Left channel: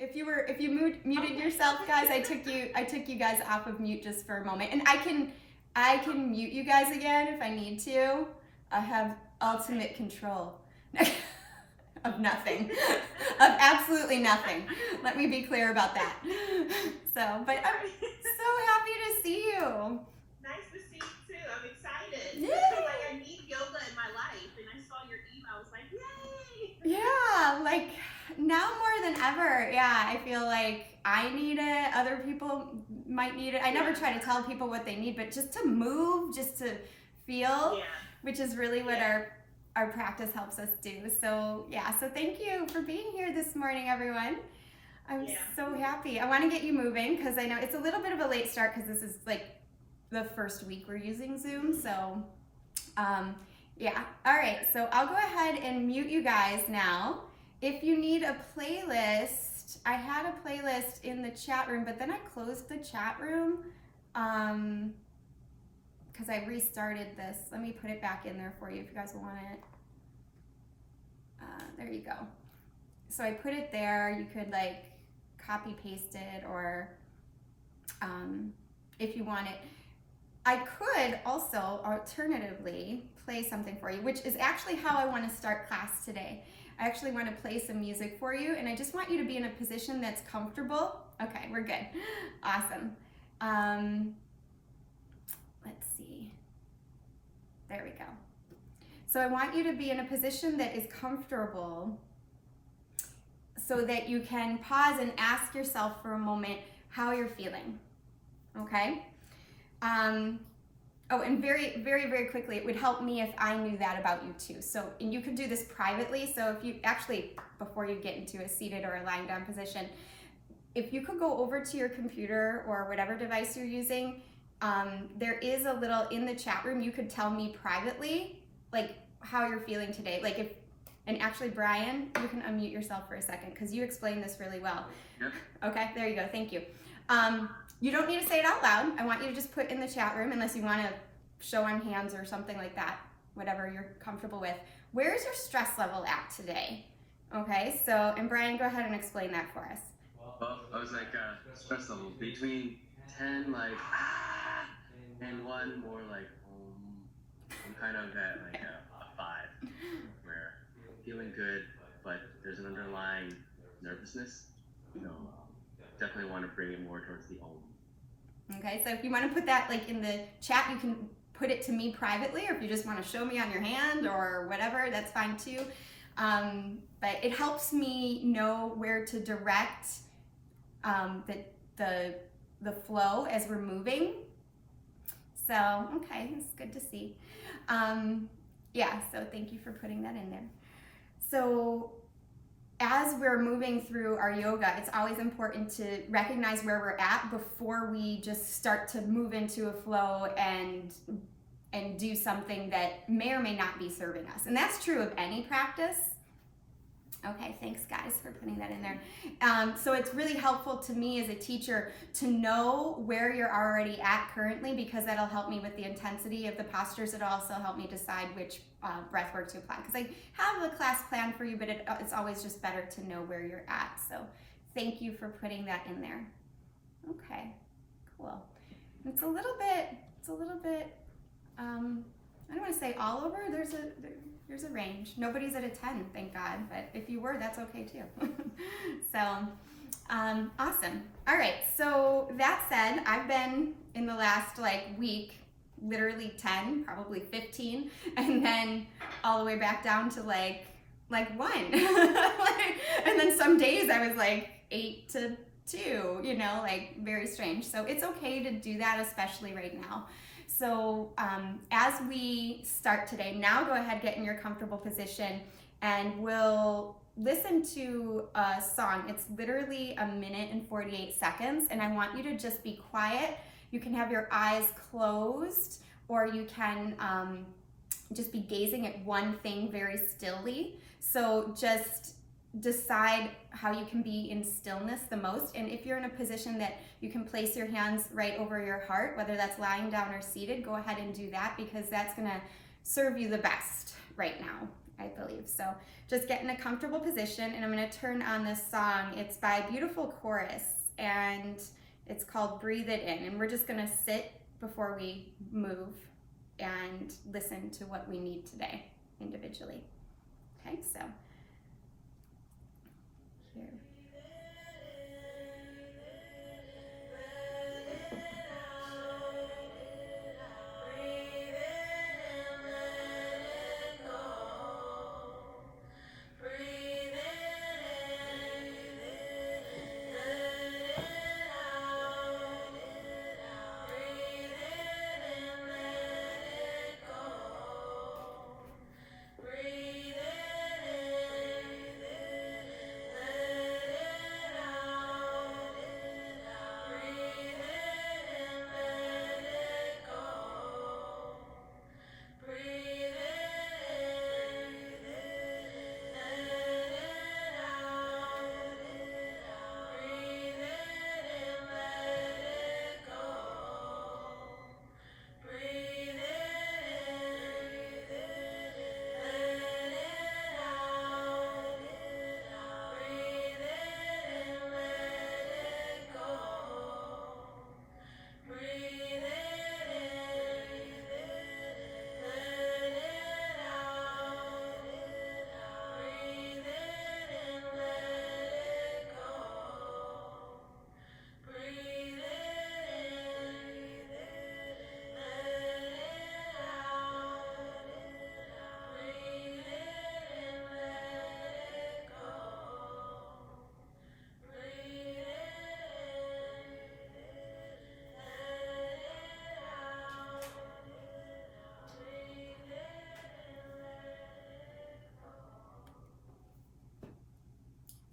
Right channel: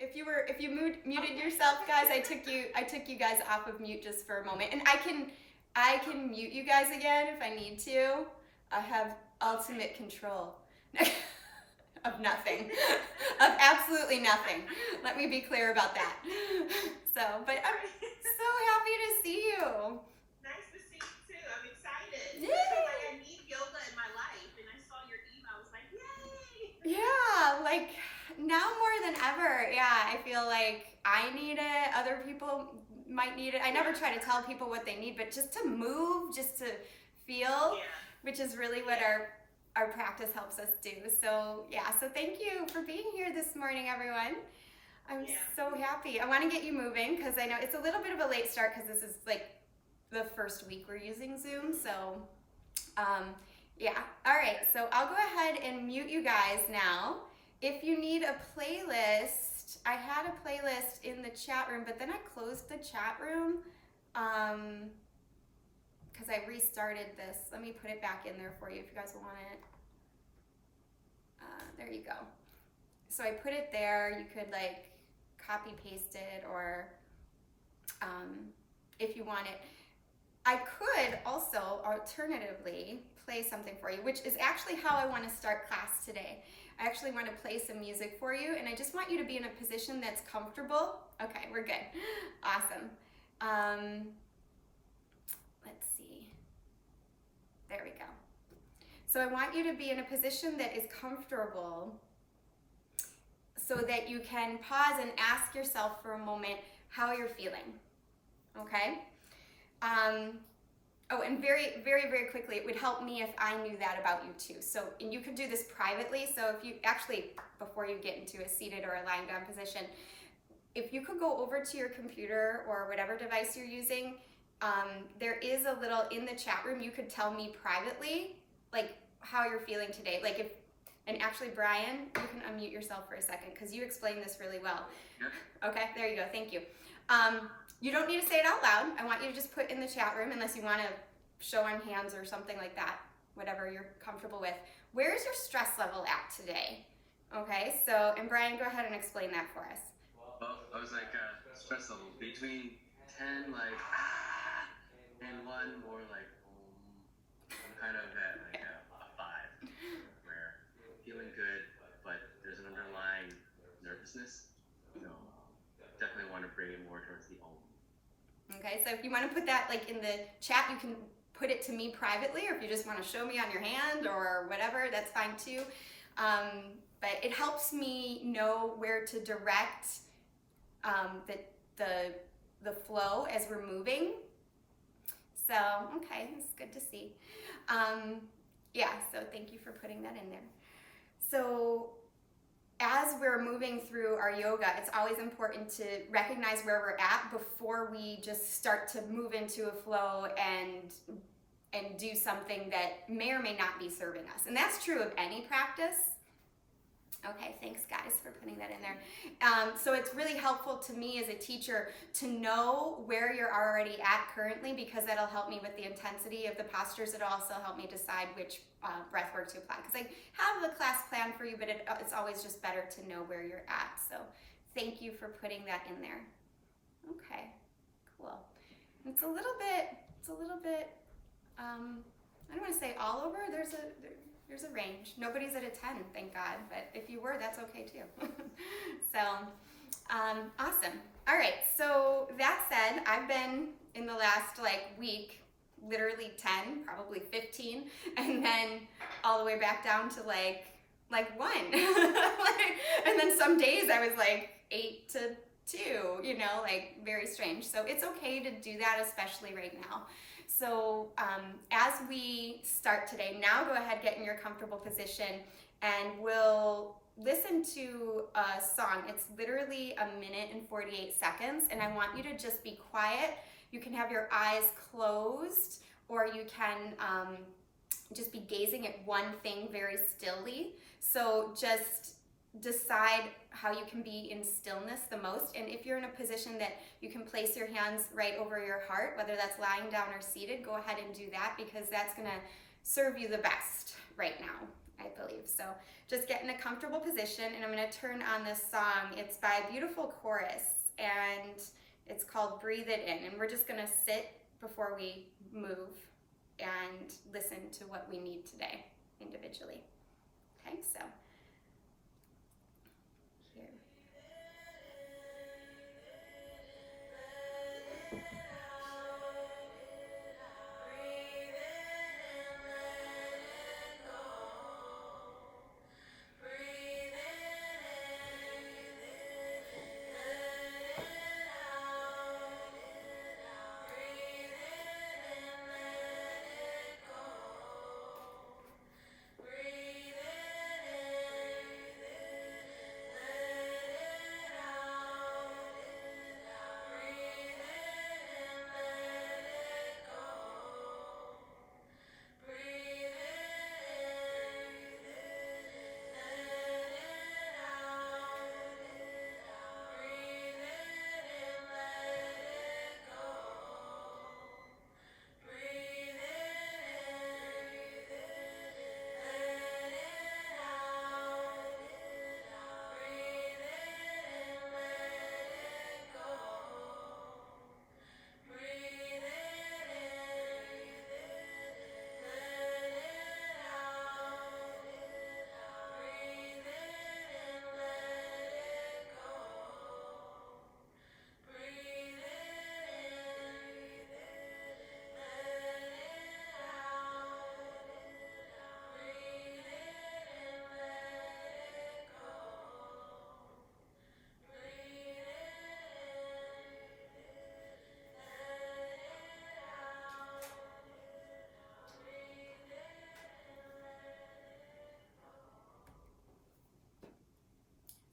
If you muted yourself, guys, I took you guys off of mute just for a moment, and I can mute you guys again if I need to. I have ultimate control of nothing, of absolutely nothing. Let me be clear about that. So, but I'm so happy to see you. Nice to see you too. I'm excited. Yeah. I feel like I need yoga in my life, and I saw your email. I was like, yay! Yeah, like now more than ever. Yeah, I feel like I need it. Other people might need it. I never try to tell people what they need, but just to move, just to feel, which is really what our practice helps us do. So yeah, so thank you for being here this morning, everyone. I'm so happy. I want to get you moving because I know it's a little bit of a late start because this is like the first week we're using Zoom. So yeah, all right, so I'll go ahead and mute you guys now. If you need a playlist, I had a playlist in the chat room, but then I closed the chat room because I restarted this. Let me put it back in there for you if you guys want it. There you go. So I put it there. You could like copy paste it, or if you want it. I could also alternatively play something for you, which is actually how I want to start class today. I actually want to play some music for you, and I just want you to be in a position that's comfortable. Okay, we're good. Awesome. Let's see. There we go. So I want you to be in a position that is comfortable so that you can pause and ask yourself for a moment how you're feeling. Okay? Oh, and very, very, very quickly, it would help me if I knew that about you too. So, and you could do this privately. So if you actually, before you get into a seated or a lying down position, if you could go over to your computer or whatever device you're using, there is a little in the chat room, you could tell me privately, like how you're feeling today. Like if, and actually Brian, you can unmute yourself for a second because you explained this really well. Yeah. Okay, there you go, thank you. You don't need to say it out loud. I want you to just put in the chat room, unless you want to show on hands or something like that, whatever you're comfortable with. Where is your stress level at today? Okay, so, and Brian, go ahead and explain that for us. Well, I was like stress level between 10, like, and 1 more like, I'm kind of at like a 5, where I'm feeling good, but there's an underlying nervousness. So definitely want to bring it more towards the om. Okay, so if you want to put that like in the chat, you can put it to me privately, or if you just want to show me on your hand or whatever, that's fine too. But it helps me know where to direct the flow as we're moving. So, okay, it's good to see. Yeah, so thank you for putting that in there. So, as we're moving through our yoga, it's always important to recognize where we're at before we just start to move into a flow and do something that may or may not be serving us. And that's true of any practice. Okay, thanks guys for putting that in there. So it's really helpful to me as a teacher to know where you're already at currently, because that'll help me with the intensity of the postures. It'll also help me decide which breath work to apply, because I have a class plan for you, but it's always just better to know where you're at. So thank you for putting that in there. Okay, cool. It's a little bit, I don't want to say all over. There's a range. Nobody's at a 10, thank God, but if you were, that's okay too. So, awesome. All right, so that said, I've been in the last week, literally 10, probably 15, and then all the way back down to like 1. And then some days I was like 8 to 2, very strange. So it's okay to do that, especially right now. So as we start today, now go ahead, get in your comfortable position, and we'll listen to a song. It's literally 1 minute and 48 seconds, and I want you to just be quiet. You can have your eyes closed, or you can just be gazing at one thing very stilly. So just decide how you can be in stillness the most. And if you're in a position that you can place your hands right over your heart, whether that's lying down or seated, go ahead and do that, because that's going to serve you the best right now. I believe. So just get in a comfortable position, and I'm going to turn on this song. It's by a beautiful chorus, and it's called Breathe It In. And we're just going to sit before we move and listen to what we need today individually. Okay, so here.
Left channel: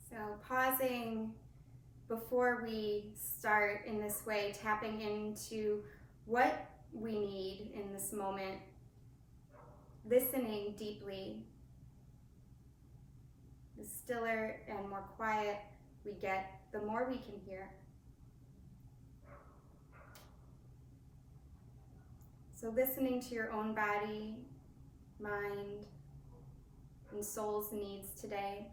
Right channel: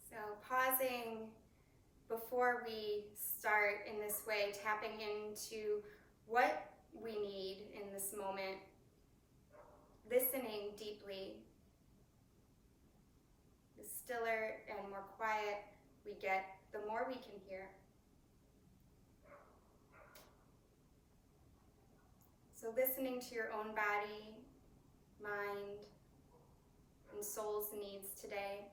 So pausing before we start in this way, tapping into what we need in this moment, listening deeply. The stiller and more quiet we get, the more we can hear. So listening to your own body, mind, and soul's needs today.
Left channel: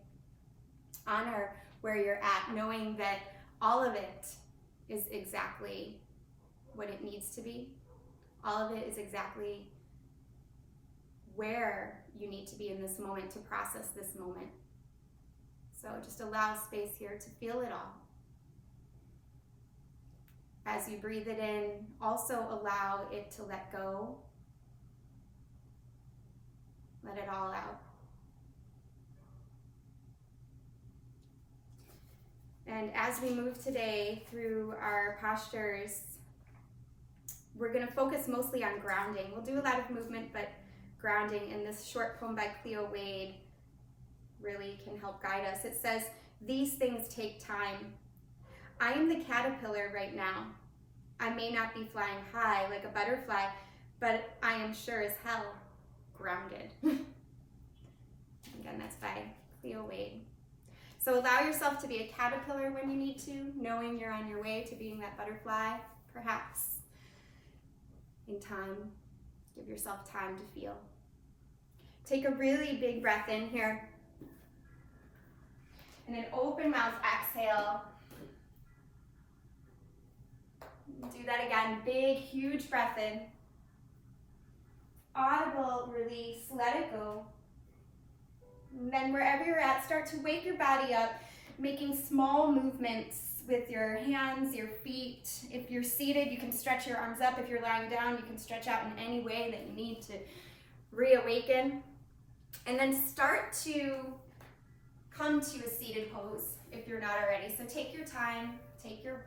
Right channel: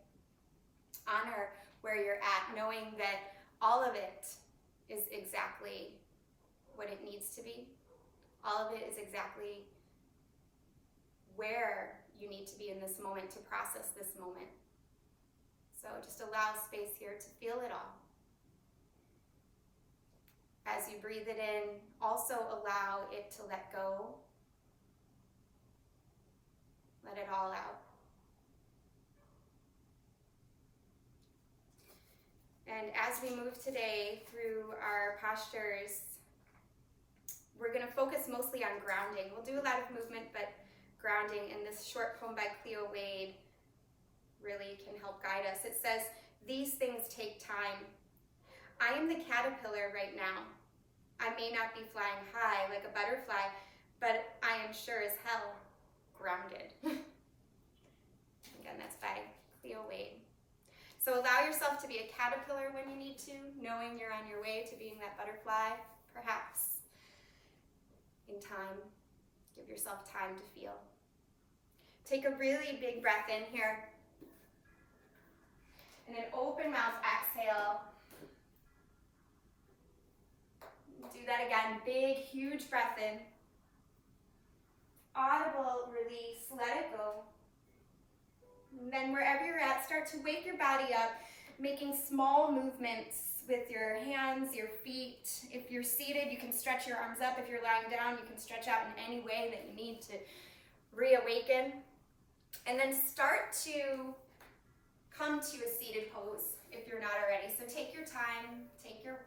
Honor where you're at, knowing that all of it is exactly what it needs to be. All of it is exactly where you need to be in this moment to process this moment. So just allow space here to feel it all. As you breathe it in, also allow it to let go. Let it all out. And as we move today through our postures, we're going to focus mostly on grounding. We'll do a lot of movement, but grounding. And this short poem by Cleo Wade really can help guide us. It says, "These things take time. I am the caterpillar right now. I may not be flying high like a butterfly, but I am sure as hell grounded." Again, that's by Cleo Wade. So allow yourself to be a caterpillar when you need to, knowing you're on your way to being that butterfly, perhaps in time. Give yourself time to feel. Take a really big breath in here. And an open mouth exhale. Do that again. Big, huge breath in. Audible release. Let it go. And then wherever you're at, start to wake your body up, making small movements with your hands, your feet. If you're seated, you can stretch your arms up. If you're lying down, you can stretch out in any way that you need to reawaken. And then start to come to a seated pose if you're not already. So take your time, take your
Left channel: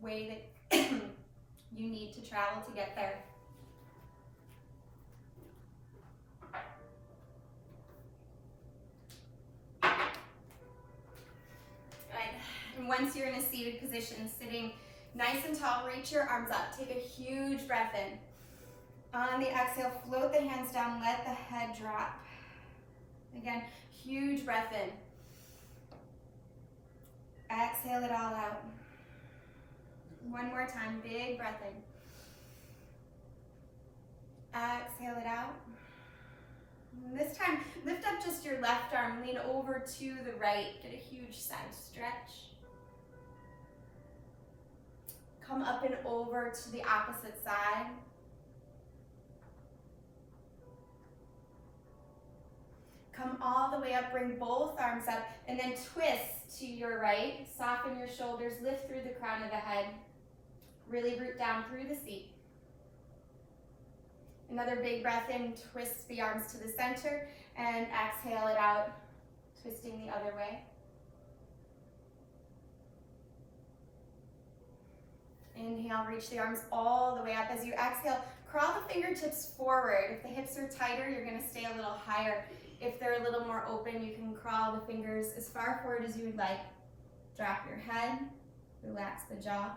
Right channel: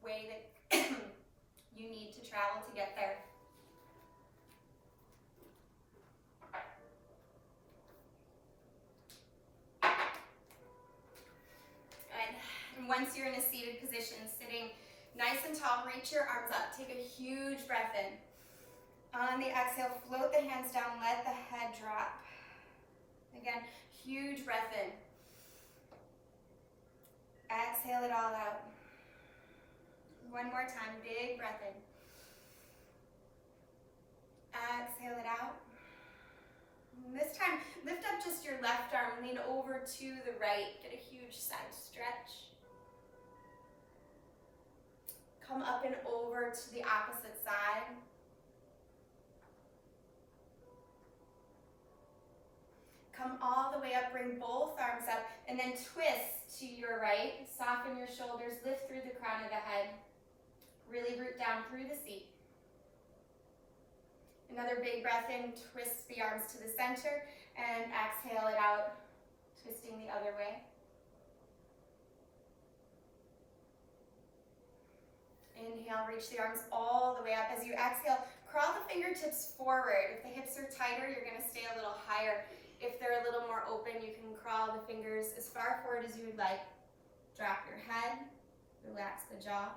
way that you need to travel to get there. Once you're in a seated position, sitting nice and tall, reach your arms up. Take a huge breath in. On the exhale, float the hands down, let the head drop. Again, huge breath in. Exhale it all out. One more time, big breath in. Exhale it out. This time, lift up just your left arm, lean over to the right, get a huge side stretch. Come up and over to the opposite side. Come all the way up, bring both arms up, and then twist to your right. Soften your shoulders, lift through the crown of the head. Really root down through the seat. Another big breath in, twist the arms to the center, and exhale it out, twisting the other way. Inhale, reach the arms all the way up. As you exhale, crawl the fingertips forward. If the hips are tighter, you're going to stay a little higher. If they're a little more open, you can crawl the fingers as far forward as you would like. Drop your head, relax the jaw.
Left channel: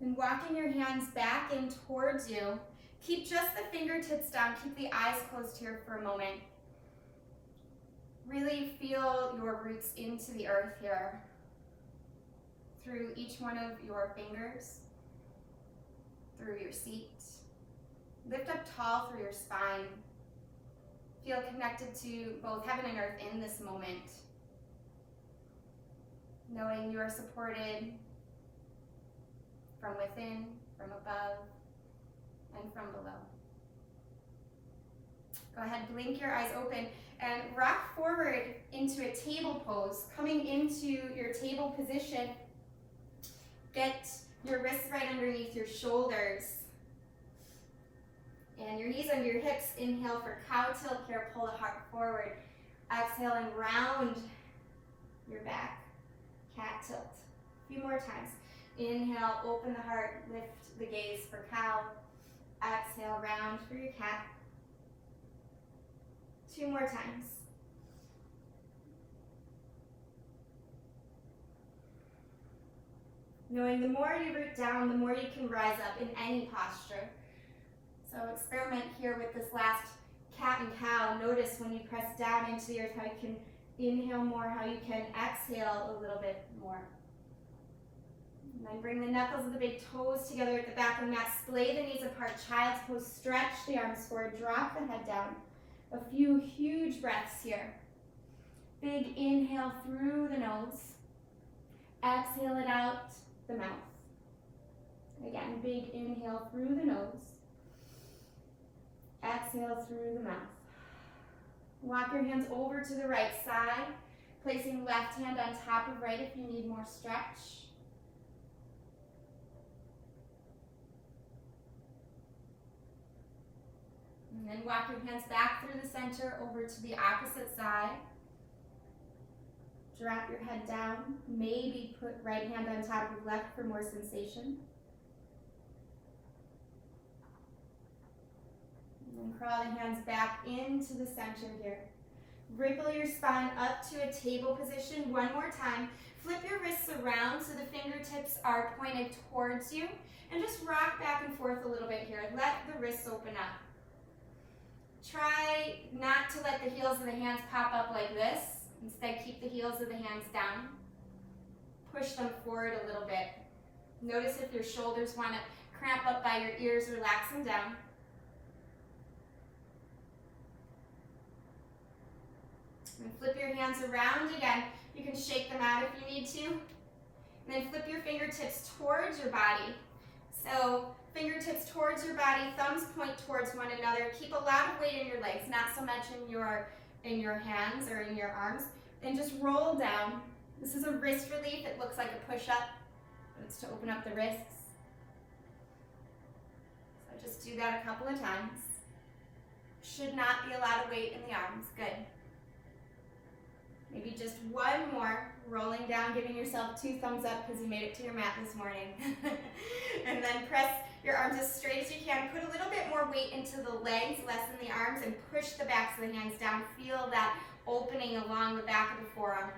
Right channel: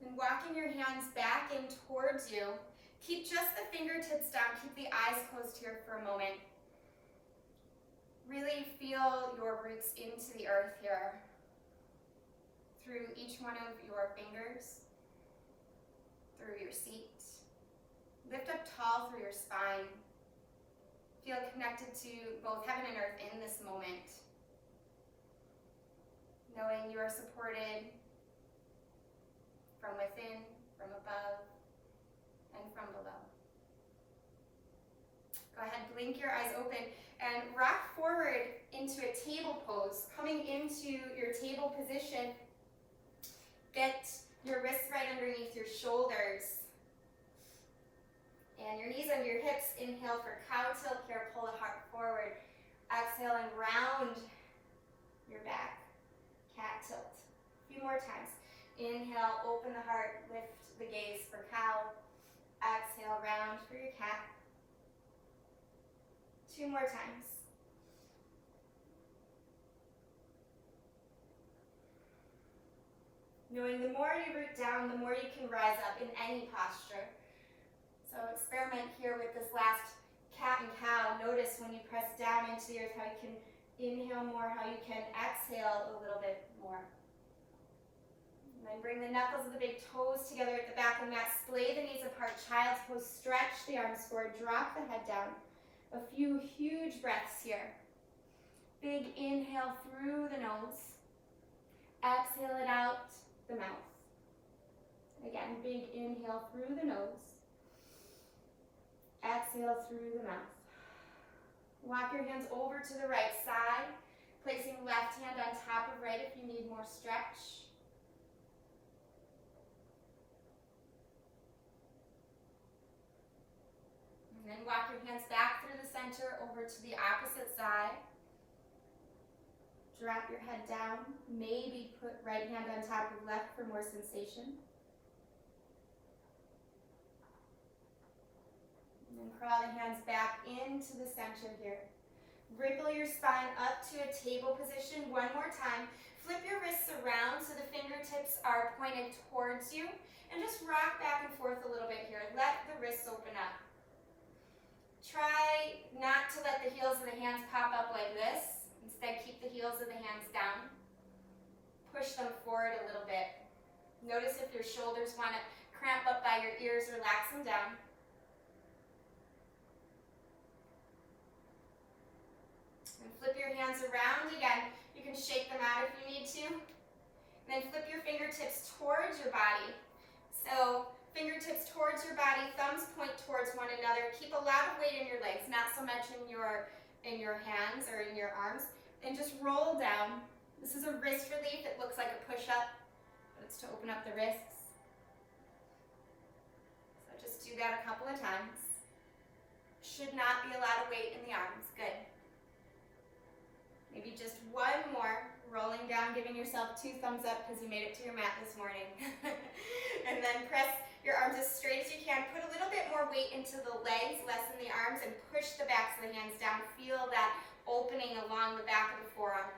Then walking your hands back in towards you. Keep just the fingertips down. Keep the eyes closed here for a moment. Really feel your roots into the earth here. Through each one of your fingers. Through your seat. Lift up tall through your spine. Feel connected to both heaven and earth in this moment. Knowing you are supported from within, from above, and from below. Go ahead, blink your eyes open and rock forward into a table pose. Coming into your table position, get your wrists right underneath your shoulders and your knees under your hips. Inhale for cow tilt here, pull the heart forward. Exhale and round your back, cat tilt. A few more times. Inhale, open the heart, lift the gaze for cow. Exhale, round for your cat. 2 more times. Knowing the more you root down, the more you can rise up in any posture. So experiment here with this last cat and cow. Notice when you press down into the earth how you can inhale more, how you can exhale a little bit more. And then bring the knuckles of the big toes together at the back of the mat. Splay the knees apart, child's pose. Stretch the arms forward, drop the head down. A few huge breaths here. Big inhale through the nose. Exhale it out the mouth. Again, big inhale through the nose. Exhale through the mouth. Walk your hands over to the right side, placing left hand on top of right if you need more stretch. And then walk your hands back through the center over to the opposite side. Drop your head down. Maybe put right hand on top of left for more sensation. And then crawl the hands back into the center here. Wriggle your spine up to a table position one more time. Flip your wrists around so the fingertips are pointed towards you. And just rock back and forth a little bit here. Let the wrists open up. Try not to let the heels of the hands pop up like this. Instead, keep the heels of the hands down. Push them forward a little bit. Notice if your shoulders want to cramp up by your ears, relax them down. And flip your hands around again. You can shake them out if you need to. And then flip your fingertips towards your body. So fingertips towards your body, thumbs point towards one another. Keep a lot of weight in your legs, not so much in your hands or in your arms. And just roll down. This is a wrist relief. It looks like a push-up, but it's to open up the wrists. So just do that a couple of times. Should not be a lot of weight in the arms. Good. Maybe just one more. Rolling down, giving yourself 2 thumbs up because you made it to your mat this morning. And then press your arms as straight as you can. Put a little bit more weight into the legs, less in the arms, and push the backs of the hands down. Feel that opening along the back of the forearm.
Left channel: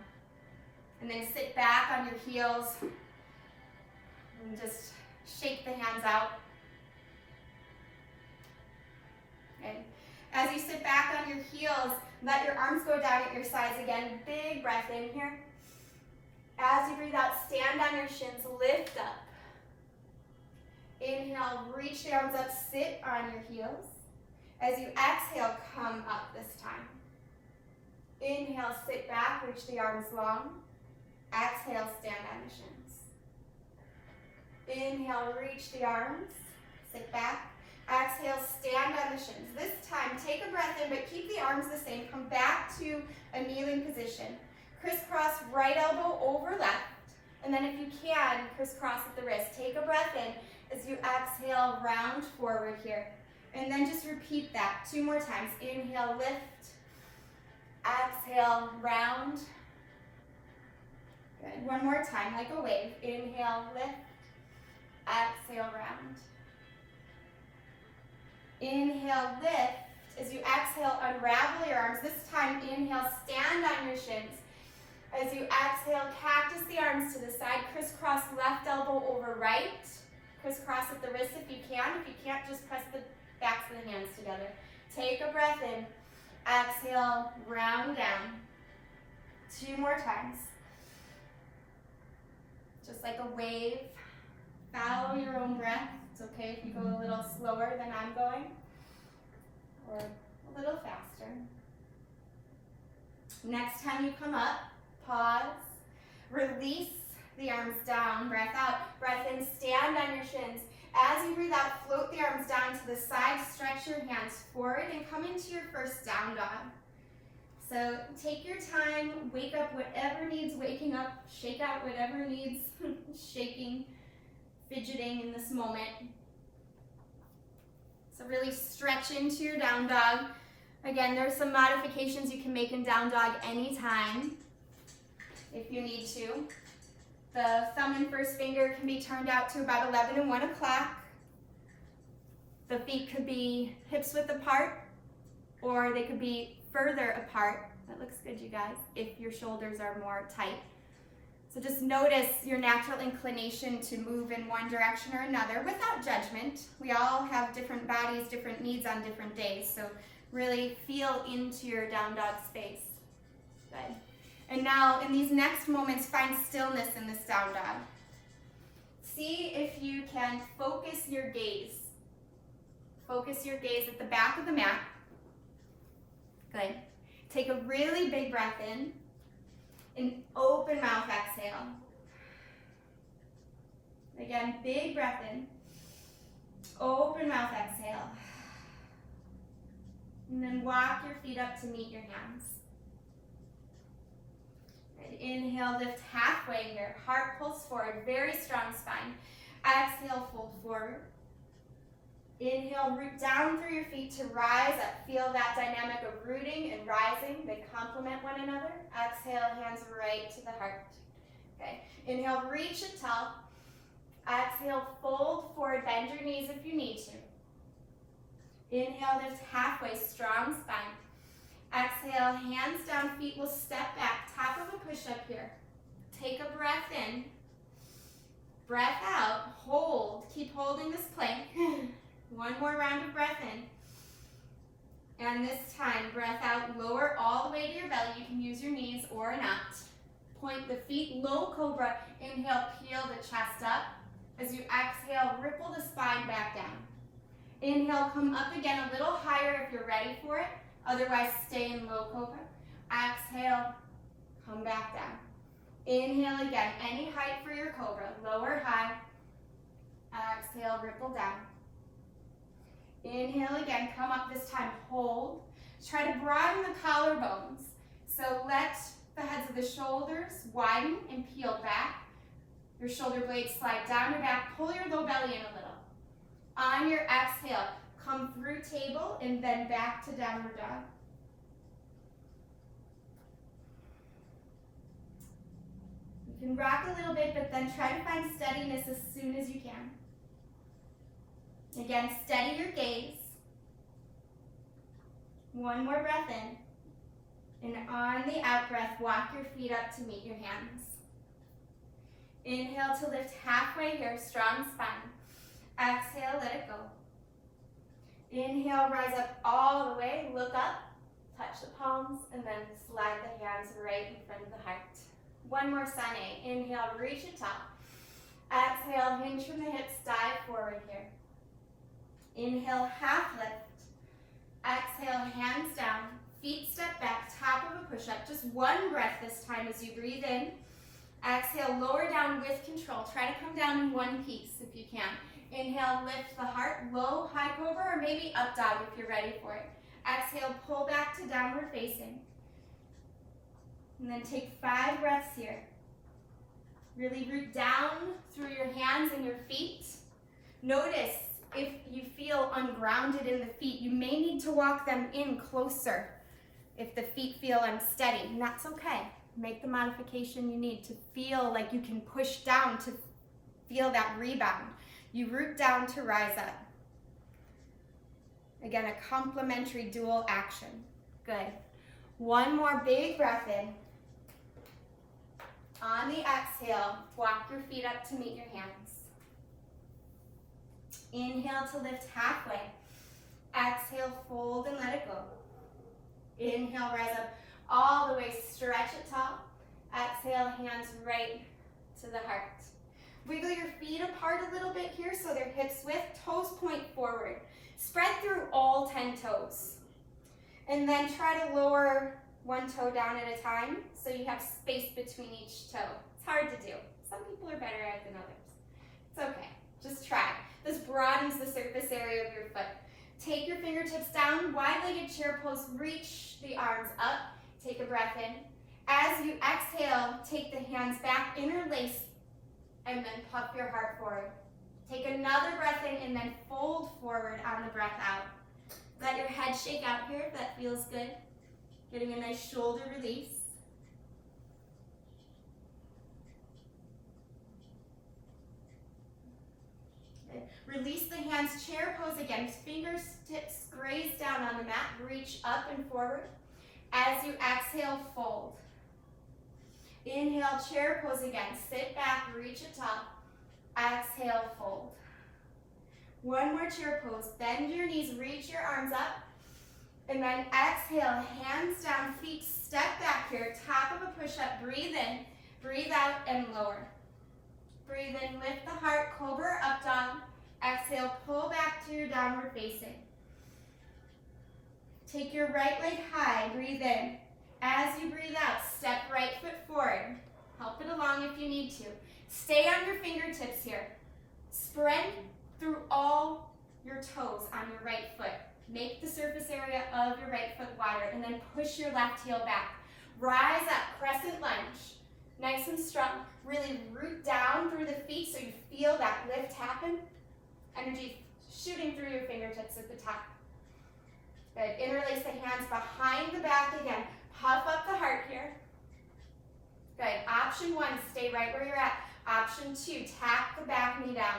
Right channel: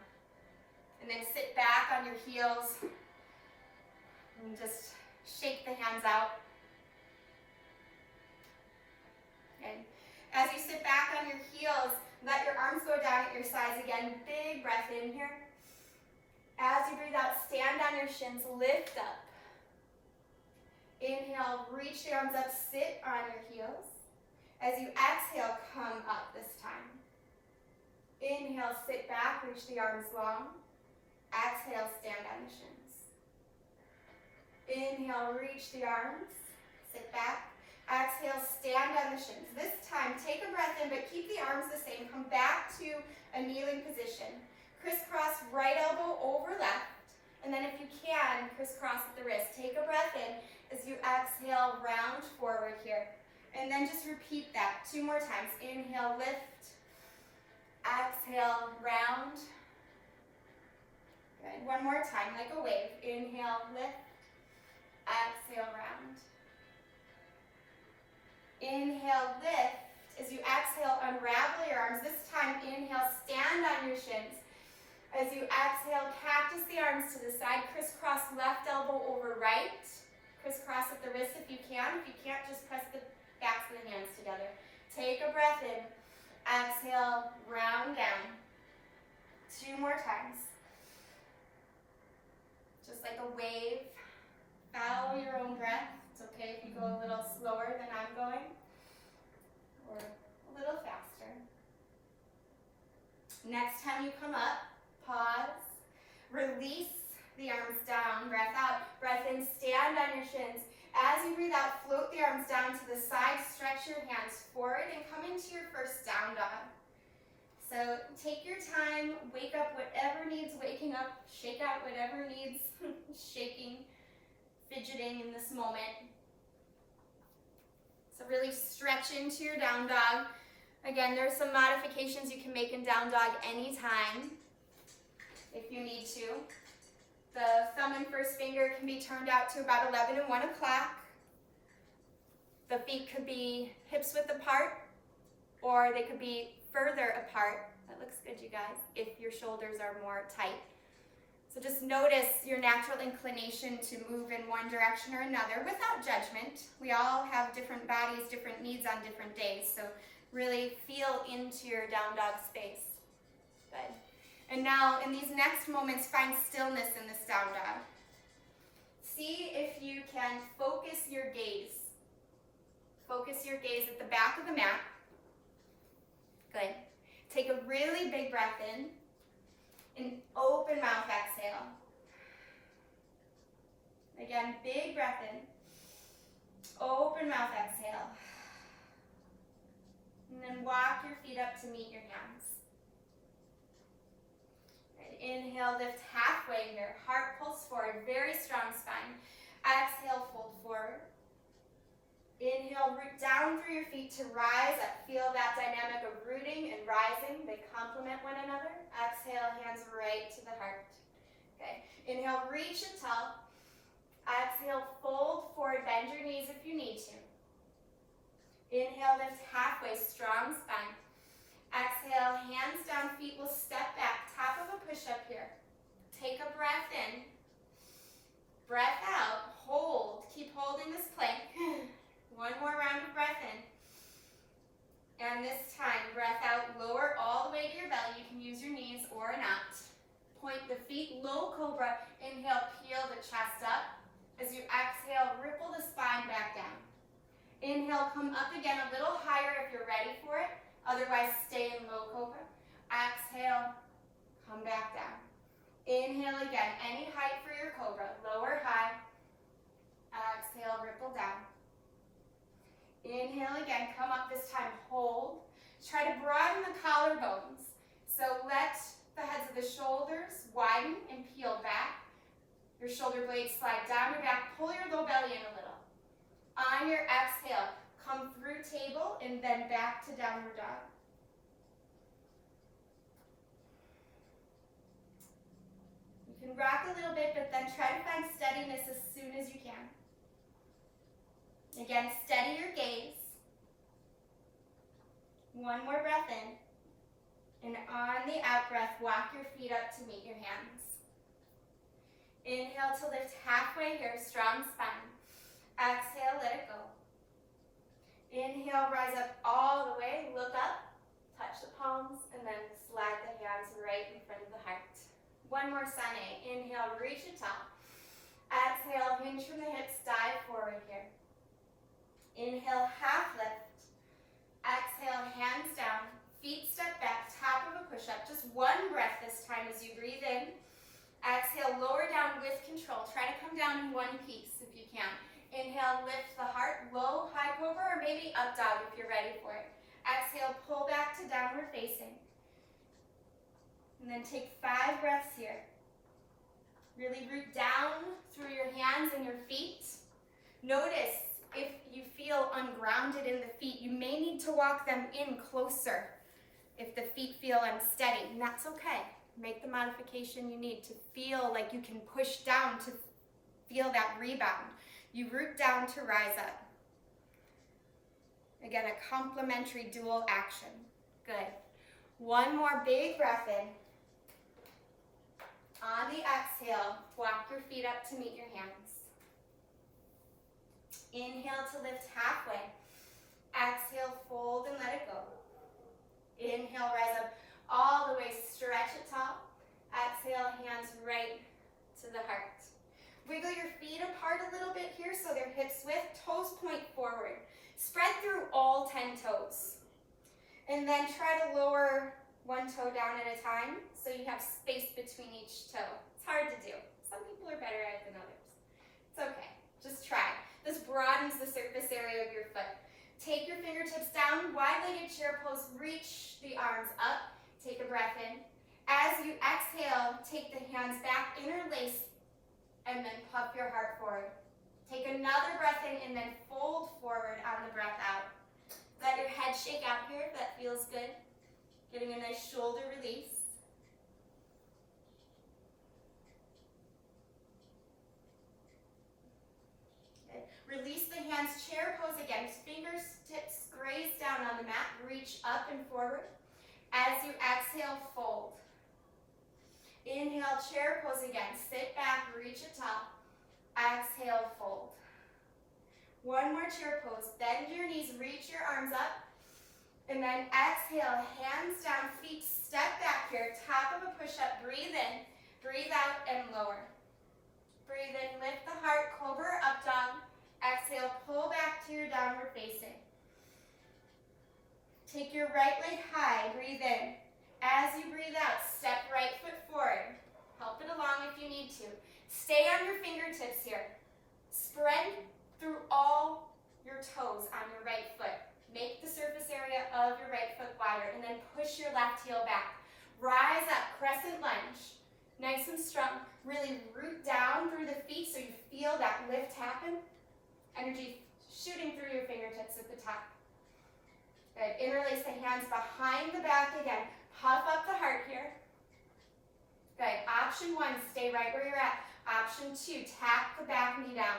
And then sit back on your heels and just shake the hands out. And as you sit back on your heels, let your arms go down at your sides again. Big breath in here. As you breathe out, stand on your shins, lift up. Inhale, reach the arms up, sit on your heels. As you exhale, come up this time. Inhale, sit back, reach the arms long. Exhale, stand on the shins. Inhale, reach the arms, sit back. Exhale, stand on the shins. This time, take a breath in, but keep the arms the same. Come back to a kneeling position. Crisscross right elbow over left. And then if you can, crisscross at the wrist. Take a breath in as you exhale, round forward here. And then just repeat that 2 more times. Inhale, lift. Exhale, round. Good. 1 more time, like a wave. Inhale, lift. Exhale, round. Inhale, lift. As you exhale, unravel your arms. This time, inhale, stand on your shins. As you exhale, cactus the arms to the side. Crisscross left elbow over right. Crisscross at the wrist if you can. If you can't, just press the backs of the hands together. Take a breath in. Exhale, round down. 2 more times. Just like a wave. Follow your own breath. It's okay if you go a little slower than I'm going, or a little faster. Next time you come up, pause, release the arms down, breath out, breath in, stand on your shins. As you breathe out, float the arms down to the side, stretch your hands forward, and come into your first down dog. So take your time, wake up whatever needs waking up, shake out whatever needs shaking, fidgeting in this moment. So really stretch into your down dog. Again, there's some modifications you can make in down dog anytime if you need to. The thumb and first finger can be turned out to about 11 and 1 o'clock. The feet could be hips width apart, or they could be further apart. That looks good, you guys, if your shoulders are more tight. So just notice your natural inclination to move in one direction or another without judgment. We all have different bodies, different needs on different days. So really feel into your down dog space. Good. And now in these next moments, find stillness in this down dog. See if you can focus your gaze. Focus your gaze at the back of the mat. Good. Take a really big breath in. And open mouth exhale. Again, big breath in. Open mouth exhale. And then walk your feet up to meet your hands. And inhale, lift halfway here. Heart pulls forward, very strong spine. Exhale, fold forward. Inhale, root down through your feet to rise up. Feel that dynamic of rooting and rising. They complement one another. Exhale, hands right to the heart. Okay. Inhale, reach it tall. Exhale, fold forward. Bend your knees if you need to. Inhale, lift halfway, strong spine. Exhale, hands down, feet will step back. Top of a push-up here. Take a breath in. Breath out. Hold. Keep holding this plank. 1 more round of breath in. And this time, breath out, lower all the way to your belly. You can use your knees or not. Point the feet, low cobra. Inhale, peel the chest up. As you exhale, ripple the spine back down. Inhale, come up again a little higher if you're ready for it. Otherwise, stay in low cobra. Exhale, come back down. Inhale again, any height for your cobra. Lower, high. Exhale, ripple down. Inhale again, come up this time, hold. Try to broaden the collarbones. So let the heads of the shoulders widen and peel back. Your shoulder blades slide down your back, pull your low belly in a little. On your exhale, come through table and then back to downward dog. You can rock a little bit, but then try to find steadiness as soon as you can. Again, steady your gaze. 1 more breath in. And on the out breath, walk your feet up to meet your hands. Inhale to lift halfway here, strong spine. Exhale, let it go. Inhale, rise up all the way, look up, touch the palms, and then slide the hands right in front of the heart. 1 more sun A. Inhale, reach it top. Exhale, hinge from the hips, dive forward here. Inhale, half lift. Exhale, hands down, feet step back, top of a push-up. Just one breath this time as you breathe in. Exhale, lower down with control. Try to come down in one piece if you can. Inhale, lift the heart, low, high cobra, or maybe up dog if you're ready for it. Exhale, pull back to downward facing. And then take 5 breaths here. Really root down through your hands and your feet. Notice if you feel ungrounded in the feet, you may need to walk them in closer if the feet feel unsteady, and that's okay. Make the modification you need to feel like you can push down to feel that rebound. You root down to rise up. Again, a complementary dual action. Good. One more big breath in. On the exhale, walk your feet up to meet your hands. Inhale to lift halfway. Exhale, fold and let it go. Inhale, rise up all the way, stretch it tall. Exhale, hands right to the heart. Wiggle your feet apart a little bit here so they're hips width, toes point forward. Spread through all 10 toes. And then try to lower one toe down at a time so you have space between each toe. It's hard to do. Some people are better at it than others. It's okay, just try. This broadens the surface area of your foot. Take your fingertips down, wide-legged chair pose, reach the arms up. Take a breath in. As you exhale, take the hands back, interlace, and then puff your heart forward. Take another breath in and then fold forward on the breath out. Let your head shake out here if that feels good. Getting a nice shoulder release. Okay. Release the hands, chair pose again. Fingertips graze down on the mat. Reach up and forward. As you exhale, fold. Inhale, chair pose again. Sit back, reach it up. Exhale, fold. One more chair pose. Bend your knees, reach your arms up. And then exhale, hands down, feet step back here. Top of a push-up, breathe in, breathe out, and lower. Breathe in, lift the heart, cobra, up dog. Exhale, pull back to your downward facing. Take your right leg high, breathe in. As you breathe out, step right foot forward. Help it along if you need to. Stay on your fingertips here. Spread through all your toes on your right foot. Make the surface area of your right foot wider and then push your left heel back. Rise up, crescent lunge. Nice and strong. Really root down through the feet so you feel that lift happen. Energy shooting through your fingertips at the top. Good. Interlace the hands behind the back again. Puff up the heart here. Good. Option 1, stay right where you're at. Option 2, tap the back knee down.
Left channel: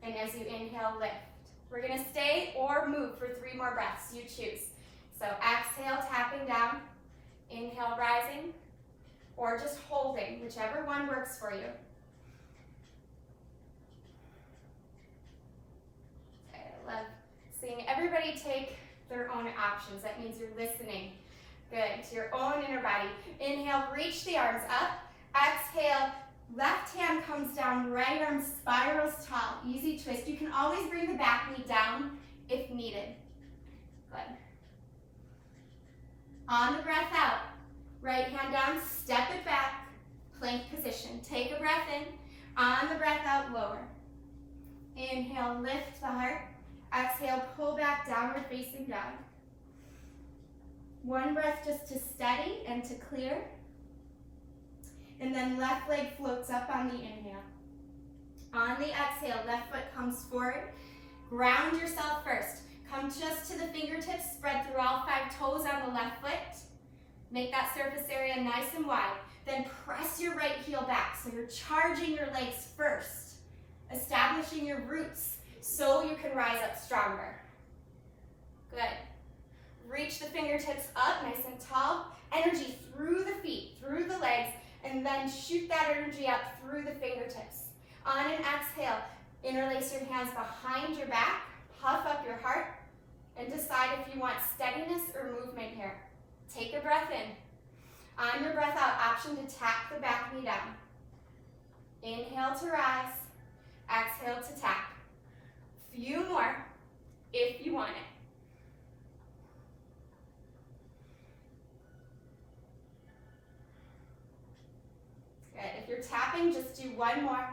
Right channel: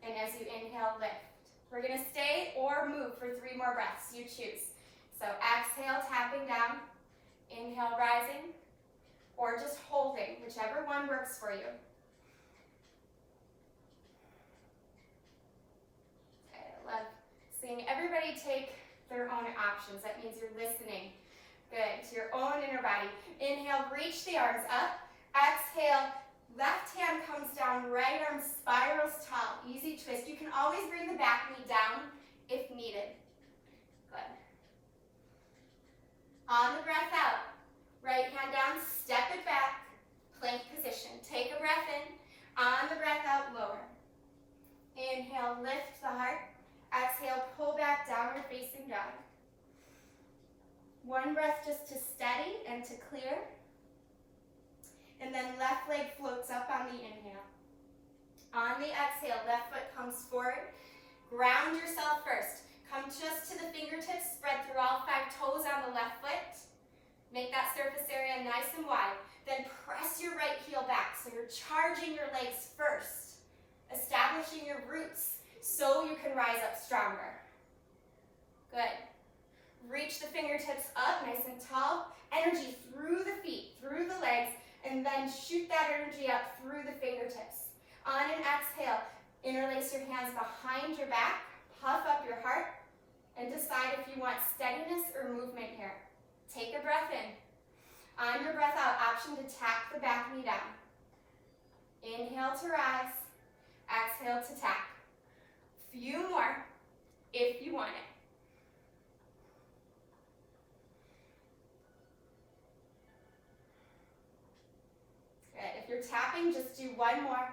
And as you inhale, lift. We're going to stay or move for 3 more breaths. You choose. So exhale, tapping down. Inhale, rising. Or just holding, whichever one works for you. Okay, I love seeing everybody take their own options. That means you're listening. Good, to your own inner body. Inhale, reach the arms up. Exhale, left hand comes down, right arm spirals tall. Easy twist. You can always bring the back knee down if needed. Good. On the breath out, right hand down, step it back, plank position. Take a breath in. On the breath out, lower. Inhale, lift the heart. Exhale, pull back, downward facing dog. One breath just to steady and to clear. And then left leg floats up on the inhale. On the exhale, left foot comes forward. Ground yourself first. Come just to the fingertips, spread through all 5 toes on the left foot. Make that surface area nice and wide. Then press your right heel back so you're charging your legs first. Establishing your roots so you can rise up stronger. Good. Reach the fingertips up nice and tall. Energy through the feet, through the legs, and then shoot that energy up through the fingertips. On an exhale, interlace your hands behind your back, puff up your heart, and decide if you want steadiness or movement here. Take a breath in. On your breath out, option to tap the back knee down. Inhale to rise. Exhale to tap. Few more if you want it. Good. If you're tapping, just do one more.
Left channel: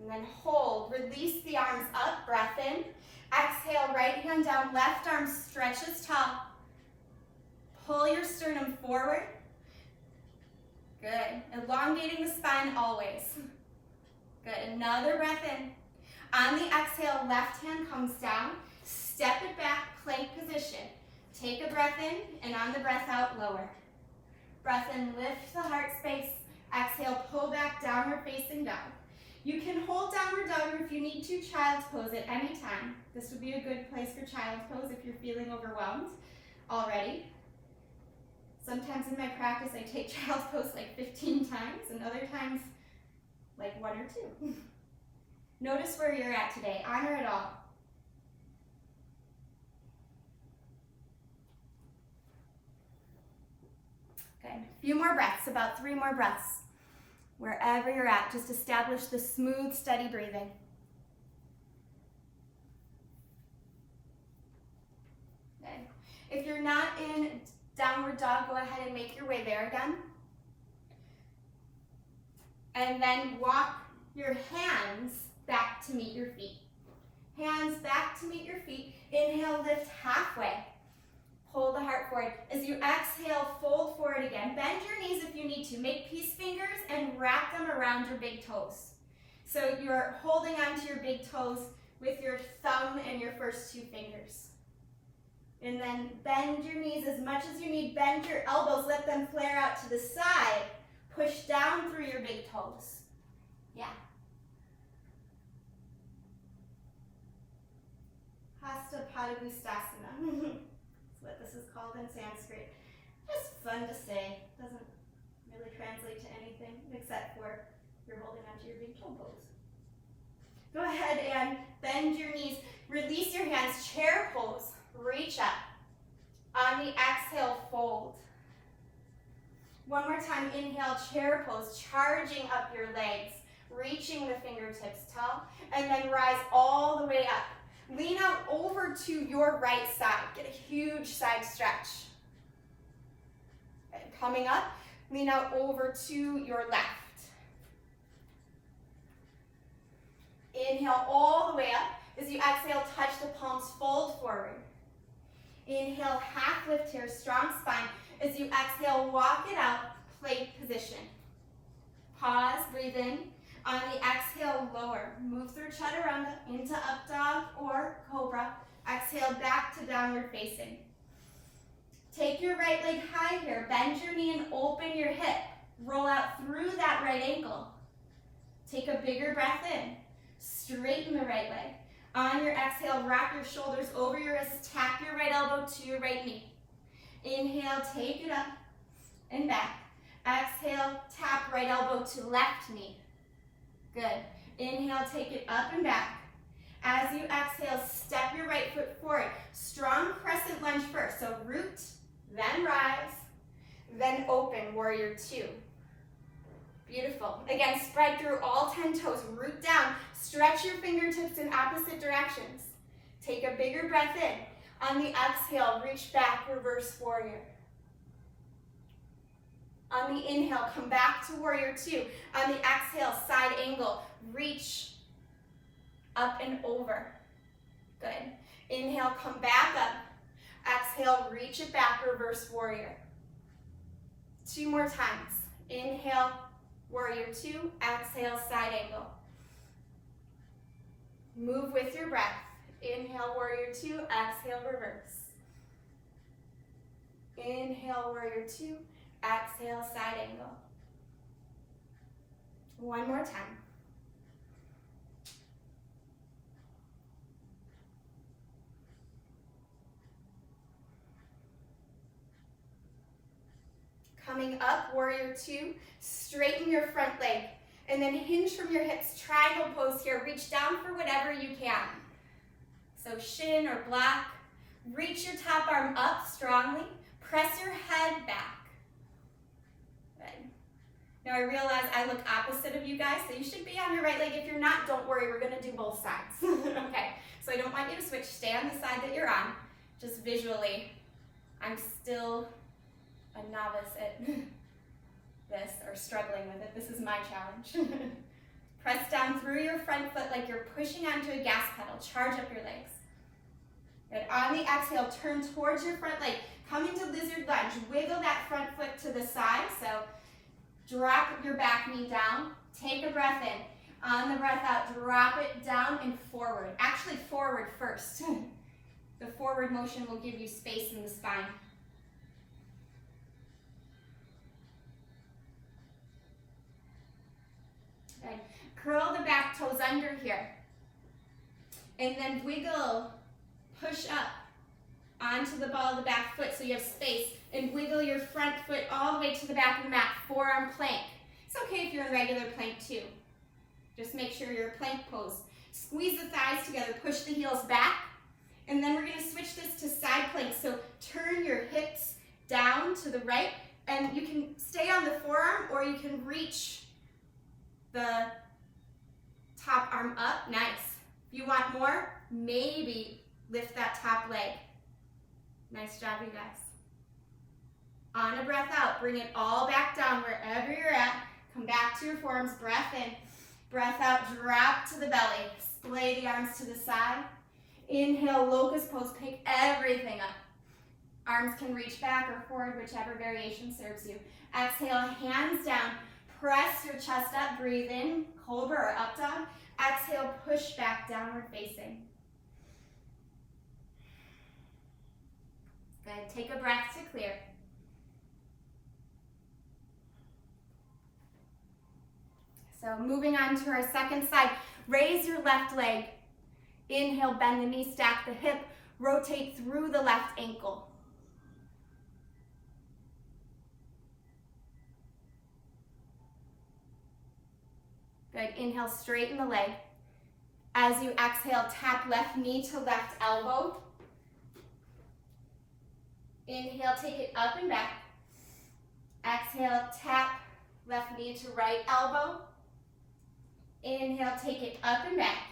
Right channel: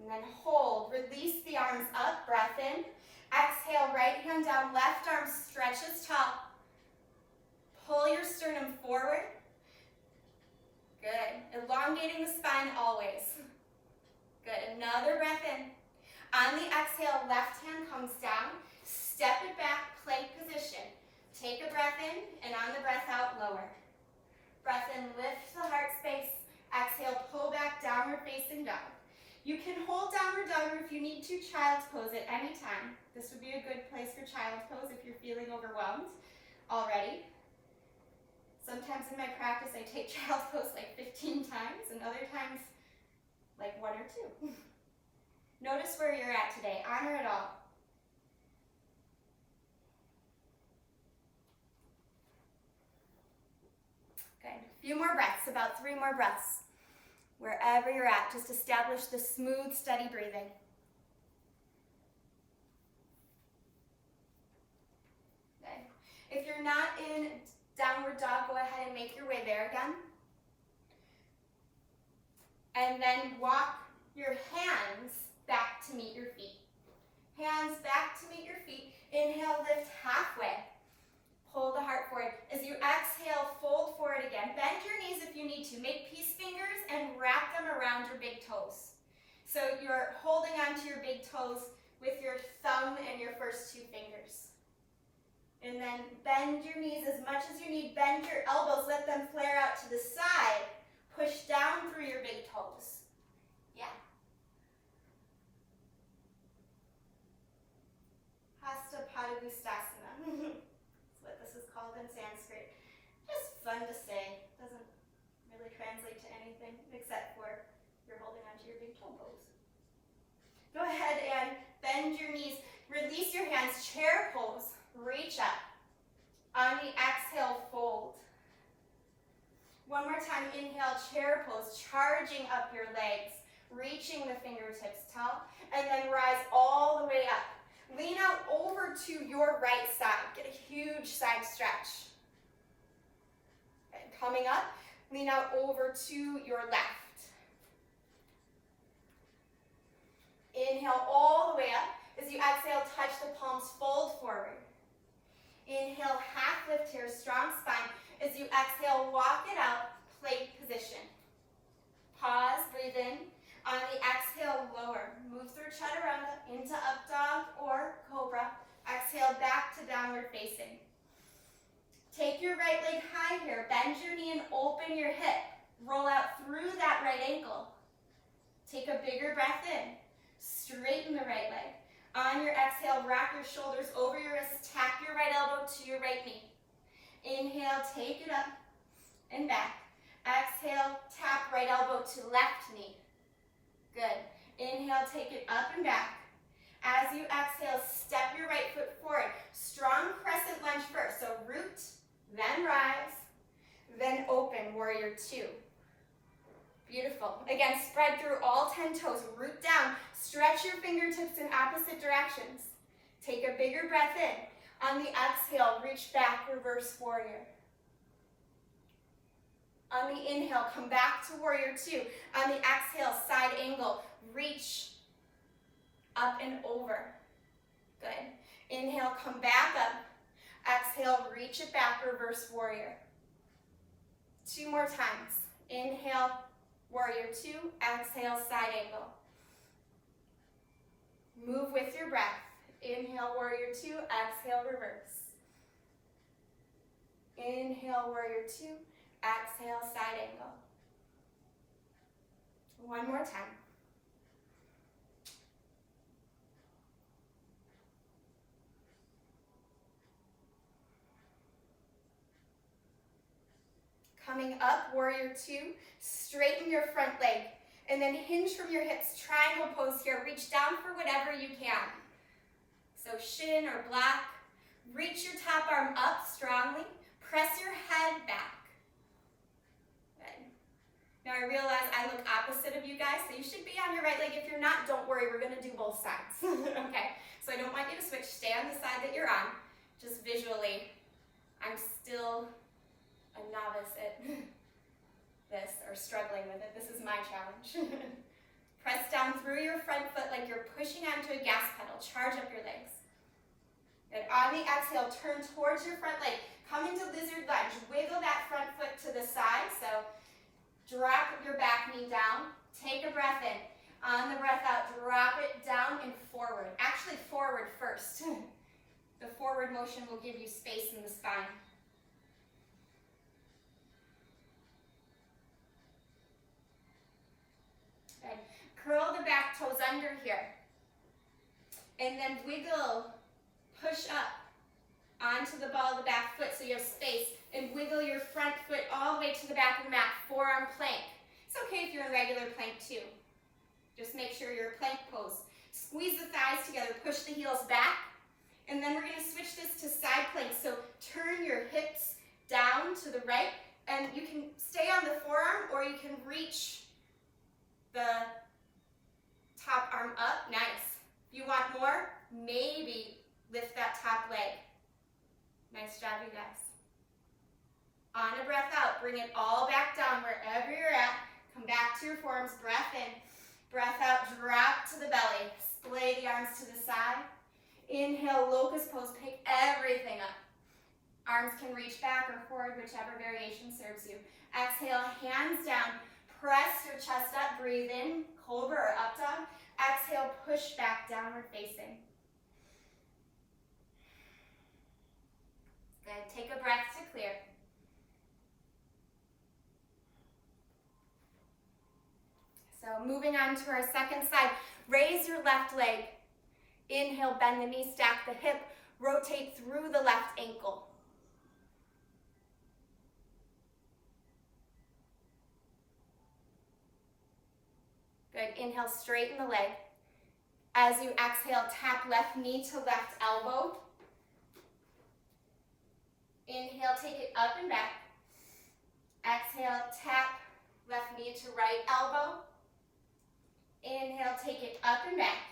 And then hold. Release the arms up. Breath in. Exhale, right hand down. Left arm stretches tall. Pull your sternum forward. Good. Elongating the spine always. Good. Another breath in. On the exhale, left hand comes down. Step it back, plank position. Take a breath in, and on the breath out, lower. Breath in, lift the heart space. Exhale, pull back, downward facing dog. You can hold downward dog, or if you need to, child's pose at any time. This would be a good place for child's pose if you're feeling overwhelmed already. Sometimes in my practice, I take child's pose like 15 times, and other times, like 1 or 2. Notice where you're at today. Honor it all. Good. A few more breaths, about 3 more breaths. Wherever you're at, just establish the smooth, steady breathing. Good. If you're not in downward dog, go ahead and make your way there again. And then walk your hands back to meet your feet. Hands back to meet your feet. Inhale, lift halfway. Pull the heart forward. As you exhale, fold forward again. Bend your knees if you need to. Make peace fingers and wrap them around your big toes. So you're holding onto your big toes with your thumb and your first 2 fingers. And then bend your knees as much as you need. Bend your elbows. Let them flare out to the side. Push down through your big toes. Yeah. Hasta Padagustasana. That's what this is called in Sanskrit. Just fun to say. Doesn't really translate to anything except for you're holding onto your big toe pose. Go ahead and bend your knees. Release your hands. Chair pose. Reach up. On the exhale, fold. One more time. Inhale, chair pose. Charging up your legs. Reaching the fingertips tall. And then rise all the way up. Lean out over to your right side. Get a huge side stretch. And coming up, lean out over to your left. Inhale all the way up. As you exhale, touch the palms, fold forward. Inhale, half lift here, strong spine. As you exhale, walk it out, plank position. Pause, breathe in. On the exhale, lower. Move through chaturanga into up dog or cobra. Exhale, back to downward facing. Take your right leg high here. Bend your knee and open your hip. Roll out through that right ankle. Take a bigger breath in. Straighten the right leg. On your exhale, rock your shoulders over your wrists. Tap your right elbow to your right knee. Inhale, take it up and back. Exhale, tap right elbow to left knee. Good. Inhale, take it up and back. As you exhale, step your right foot forward. Strong crescent lunge first. So root, then rise, then open, warrior 2. Beautiful. Again, spread through all 10 toes. Root down. Stretch your fingertips in opposite directions. Take a bigger breath in. On the exhale, reach back, reverse warrior. On the inhale, come back to warrior 2. On the exhale, side angle, reach up and over. Good. Inhale, come back up. Exhale, reach it back, reverse warrior. 2 more times. Inhale, warrior 2. Exhale, side angle. Move with your breath. Inhale, warrior 2. Exhale, reverse. Inhale, warrior 2. Exhale, side angle. 1 more time. Coming up, warrior 2, straighten your front leg, and then hinge from your hips, triangle pose here. Reach down for whatever you can. So shin or block. Reach your top arm up strongly. Press your head back. Good. Now I realize I look opposite of you guys, so you should be on your right leg. If you're not, don't worry, we're gonna do both sides. Okay, so I don't want you to switch. Stay on the side that you're on. Just visually, I'm still a novice at this, or struggling with it. This is my challenge. Press down through your front foot like you're pushing onto a gas pedal. Charge up your legs. Good. On the exhale, turn towards your front leg. Come into lizard lunge. Wiggle that front foot to the side. So drop your back knee down. Take a breath in. On the breath out, drop it down and forward. Actually, forward first. The forward motion will give you space in the spine. Good. Curl the back toes under here. And then wiggle, push up onto the ball of the back foot so you have space, and wiggle your front foot all the way to the back of the mat, forearm plank. It's okay if you're in regular plank too. Just make sure you're a plank pose. Squeeze the thighs together, push the heels back, and then we're gonna switch this to side plank. So turn your hips down to the right, and you can stay on the forearm or you can reach the top arm up. Nice. If you want more, maybe lift that top leg. Nice job, you guys. On a breath out, bring it all back down wherever you're at. Come back to your forearms, breath in. Breath out, drop to the belly. Splay the arms to the side. Inhale, locust pose, pick everything up. Arms can reach back or forward, whichever variation serves you. Exhale, hands down. Press your chest up, breathe in, cobra or up dog. Exhale, push back, downward facing. Good, take a breath to clear. So moving on to our second side, raise your left leg. Inhale, bend the knee, stack the hip, rotate through the left ankle. Good, inhale, straighten the leg. As you exhale, tap left knee to left elbow. Inhale, take it up and back. Exhale, tap left knee to right elbow. Inhale, take it up and back.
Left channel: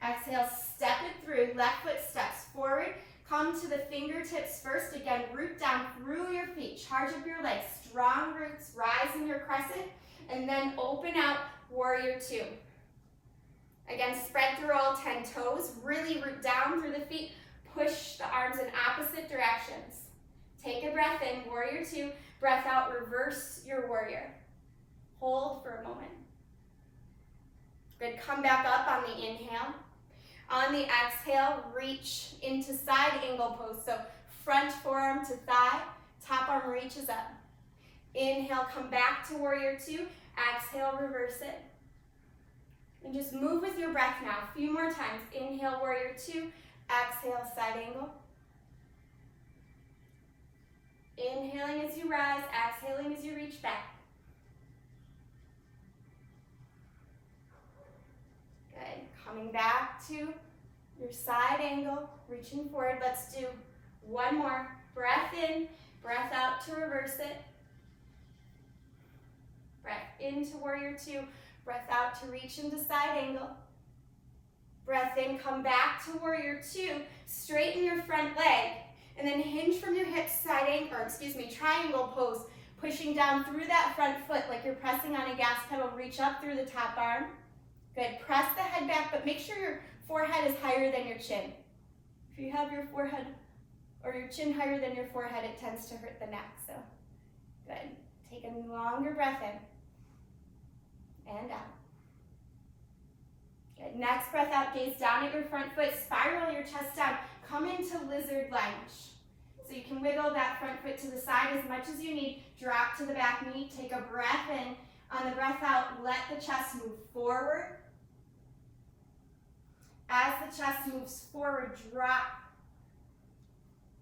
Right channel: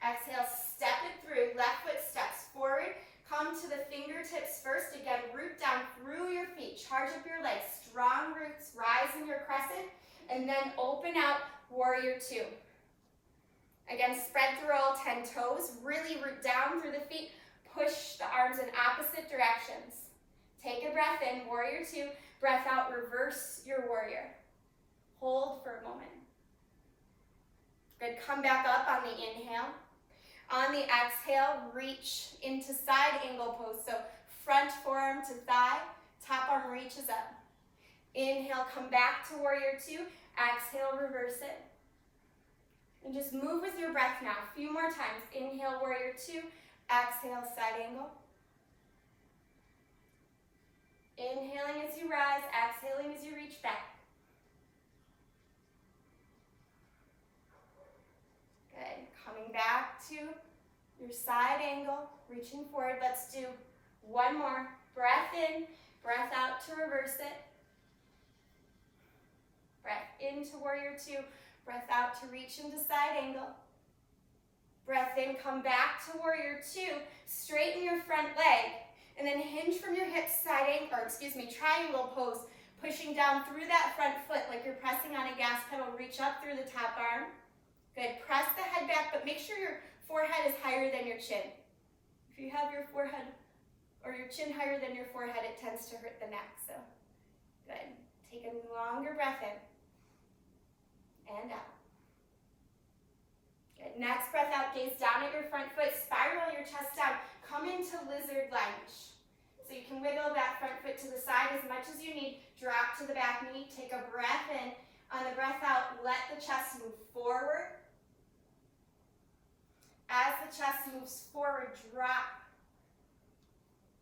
Exhale, step it through. Left foot steps forward. Come to the fingertips first. Again, root down through your feet. Charge up your legs. Strong roots. Rise in your crescent. And then open out, warrior two. Again, spread through all 10 toes. Really root down through the feet. Push the arms in opposite directions. Take a breath in, warrior two. Breath out, reverse your warrior. Hold for a moment. Good, come back up on the inhale. On the exhale, reach into side angle pose. So front forearm to thigh, top arm reaches up. Inhale, come back to warrior two. Exhale, reverse it. And just move with your breath now. A few more times. Inhale, warrior two. Exhale, side angle. Inhaling as you rise, exhaling as you reach back. Good. Coming back to your side angle, reaching forward. Let's do one more. Breath in, breath out to reverse it. Breath into warrior two, breath out to reach into side angle. Breath in, come back to warrior two, straighten your front leg, and then hinge from your hips, triangle pose, pushing down through that front foot like you're pressing on a gas pedal. Reach up through the top arm. Good, press the head back, but make sure your forehead is higher than your chin. If you have your forehead or your chin higher than your forehead, it tends to hurt the neck, so good. Take a longer breath in and out. Good, next breath out, gaze down at your front foot, spiral your chest down, come into lizard lunge. So you can wiggle that front foot to the side as much as you need, drop to the back knee, take a breath in. On the breath out, let the chest move forward. As the chest moves forward, drop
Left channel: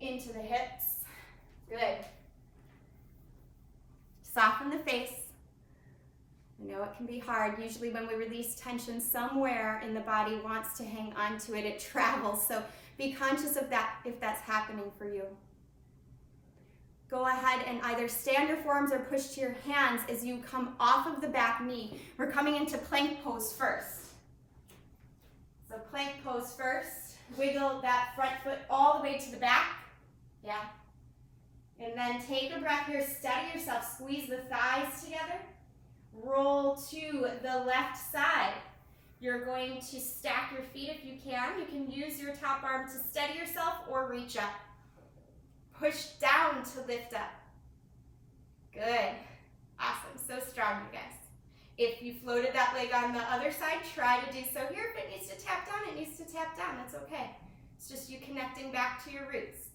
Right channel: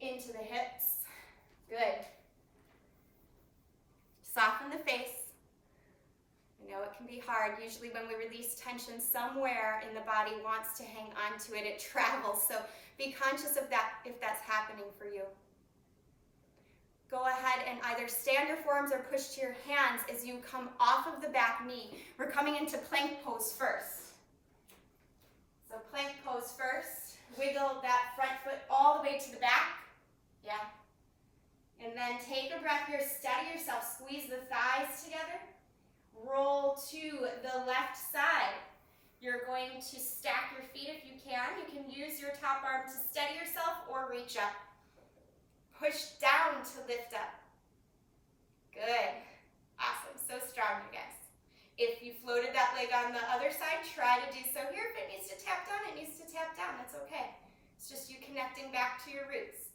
into the hips. Good. Soften the face. I know it can be hard. Usually when we release tension, somewhere in the body wants to hang on to it. It travels. So be conscious of that if that's happening for you. go ahead and either stand your forearms or push to your hands as you come off of the back knee. We're coming into plank pose first. So plank pose first. Wiggle that front foot all the way to the back. Yeah. And then take a breath here. Steady yourself. Squeeze the thighs together. Roll to the left side. You're going to stack your feet if you can. You can use your top arm to steady yourself or reach up. Push down to lift up. Good. Awesome. So strong, you guys. If you floated that leg on the other side, try to do so here. If it needs to tap down, it needs to tap down. That's okay. It's just you connecting back to your roots.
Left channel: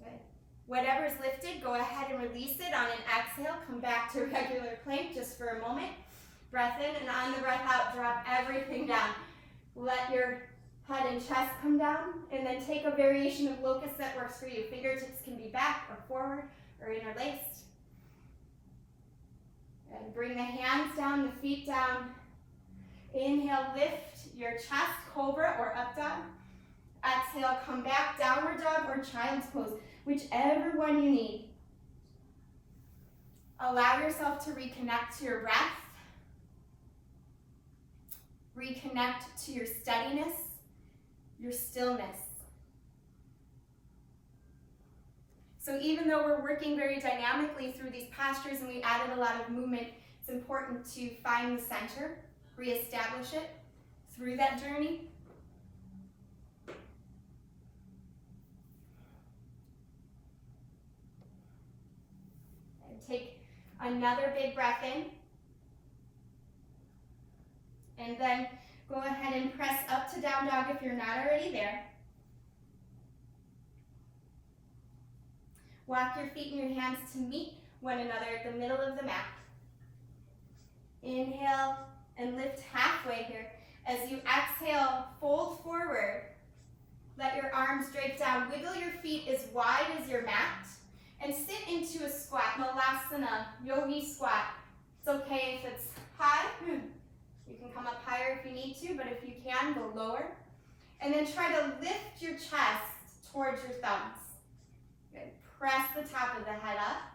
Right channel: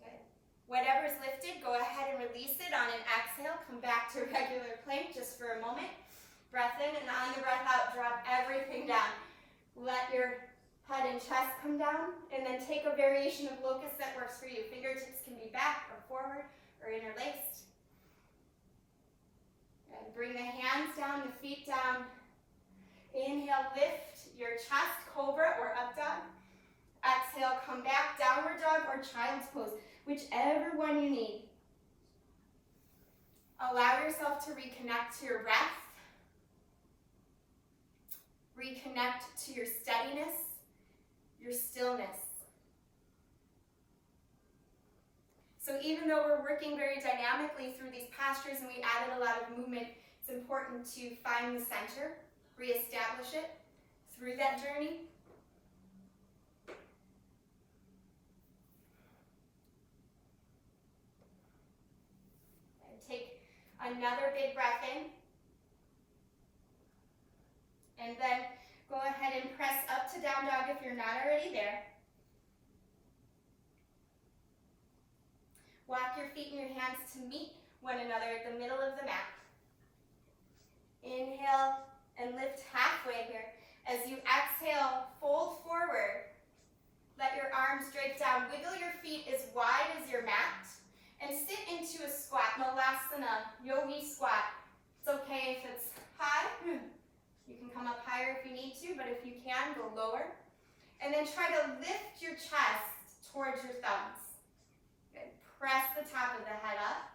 Good. Whatever's lifted, go ahead and release it on an exhale. Come back to regular plank just for a moment. Breath in, and on the breath out, drop everything down. Let your head and chest come down, and then take a variation of locust that works for you. Fingertips can be back or forward or interlaced. And bring the hands down, the feet down. Inhale, lift your chest, cobra or up dog. Exhale, come back, downward dog or child's pose, whichever one you need. Allow yourself to reconnect to your breath. Reconnect to your steadiness, your stillness. So even though we're working very dynamically through these postures and we added a lot of movement, it's important to find the center, reestablish it through that journey. And take another big breath in. And then go ahead and press up to down dog if you're not already there. Walk your feet and your hands to meet one another at the middle of the mat. Inhale and lift halfway here. As you exhale, fold forward. Let your arms drape down. Wiggle your feet as wide as your mat. And sit into a squat, Malasana, yogi squat. It's okay if it's high. You can come up higher if you need to, but if you can, go lower. And then try to lift your chest towards your thumbs. Good. Press the top of the head up.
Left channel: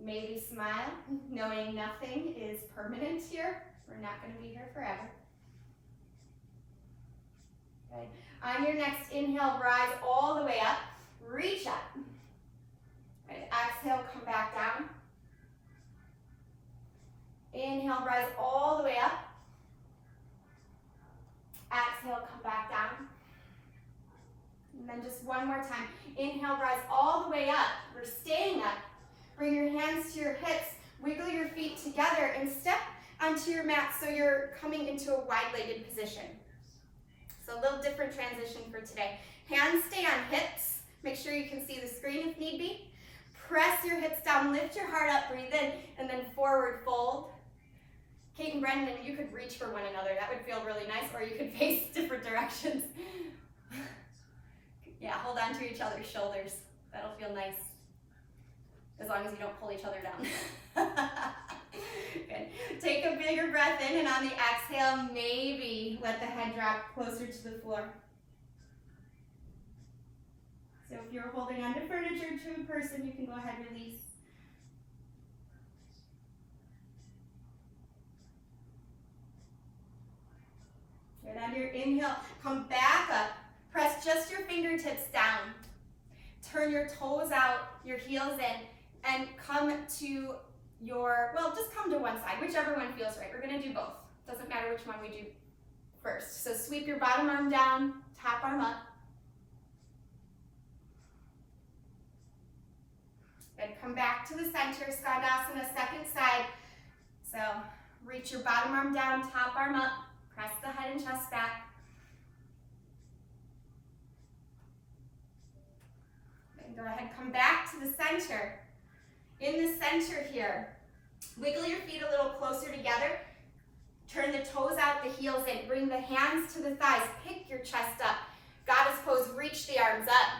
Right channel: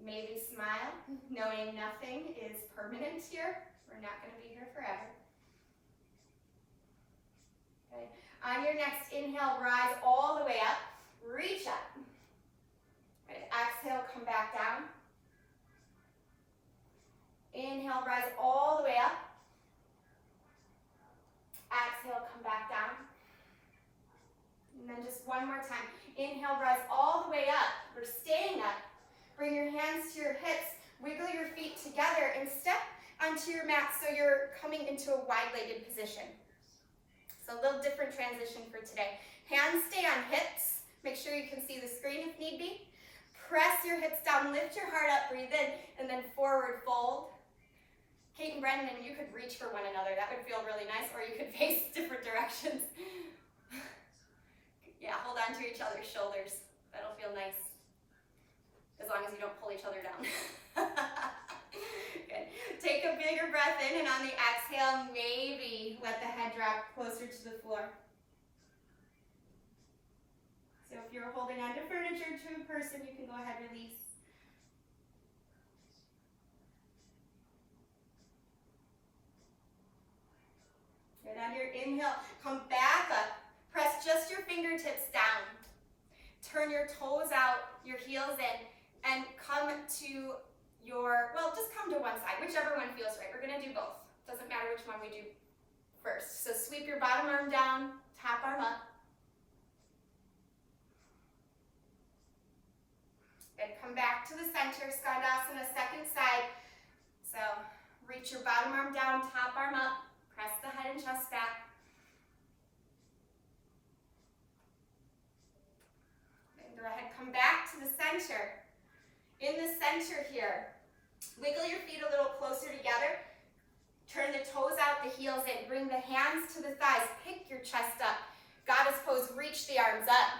Maybe smile, knowing nothing is permanent here. We're not going to be here forever. Good. On your next inhale, rise all the way up. Reach up. Good. Exhale, come back down. Inhale, rise all the way up. Exhale, come back down. And then just one more time. Inhale, rise all the way up. We're staying up. Bring your hands to your hips. Wiggle your feet together and step onto your mat so you're coming into a wide-legged position. So a little different transition for today. Hands stay on hips. Make sure you can see the screen if need be. Press your hips down, lift your heart up, breathe in, and then forward fold. Kate and Brendan, you could reach for one another. That would feel really nice, or you could face different directions. Yeah, hold on to each other's shoulders. That'll feel nice. As long as you don't pull each other down. Good. Take a bigger breath in, and on the exhale, maybe let the head drop closer to the floor. So if you're holding onto furniture to a person, you can go ahead and release. Good. On your inhale, come back up. Press just your fingertips down. Turn your toes out, your heels in, and come to your, well, just come to one side, whichever one feels right. We're going to do both. Doesn't matter which one we do first. So sweep your bottom arm down, top arm up. Good. Come back to the center, Skandasana, second side. So reach your bottom arm down, top arm up. Press the head and chest back. And go ahead, come back to the center. In the center here, wiggle your feet a little closer together. Turn the toes out, the heels in. Bring the hands to the thighs. Pick your chest up. Goddess pose, reach the arms up.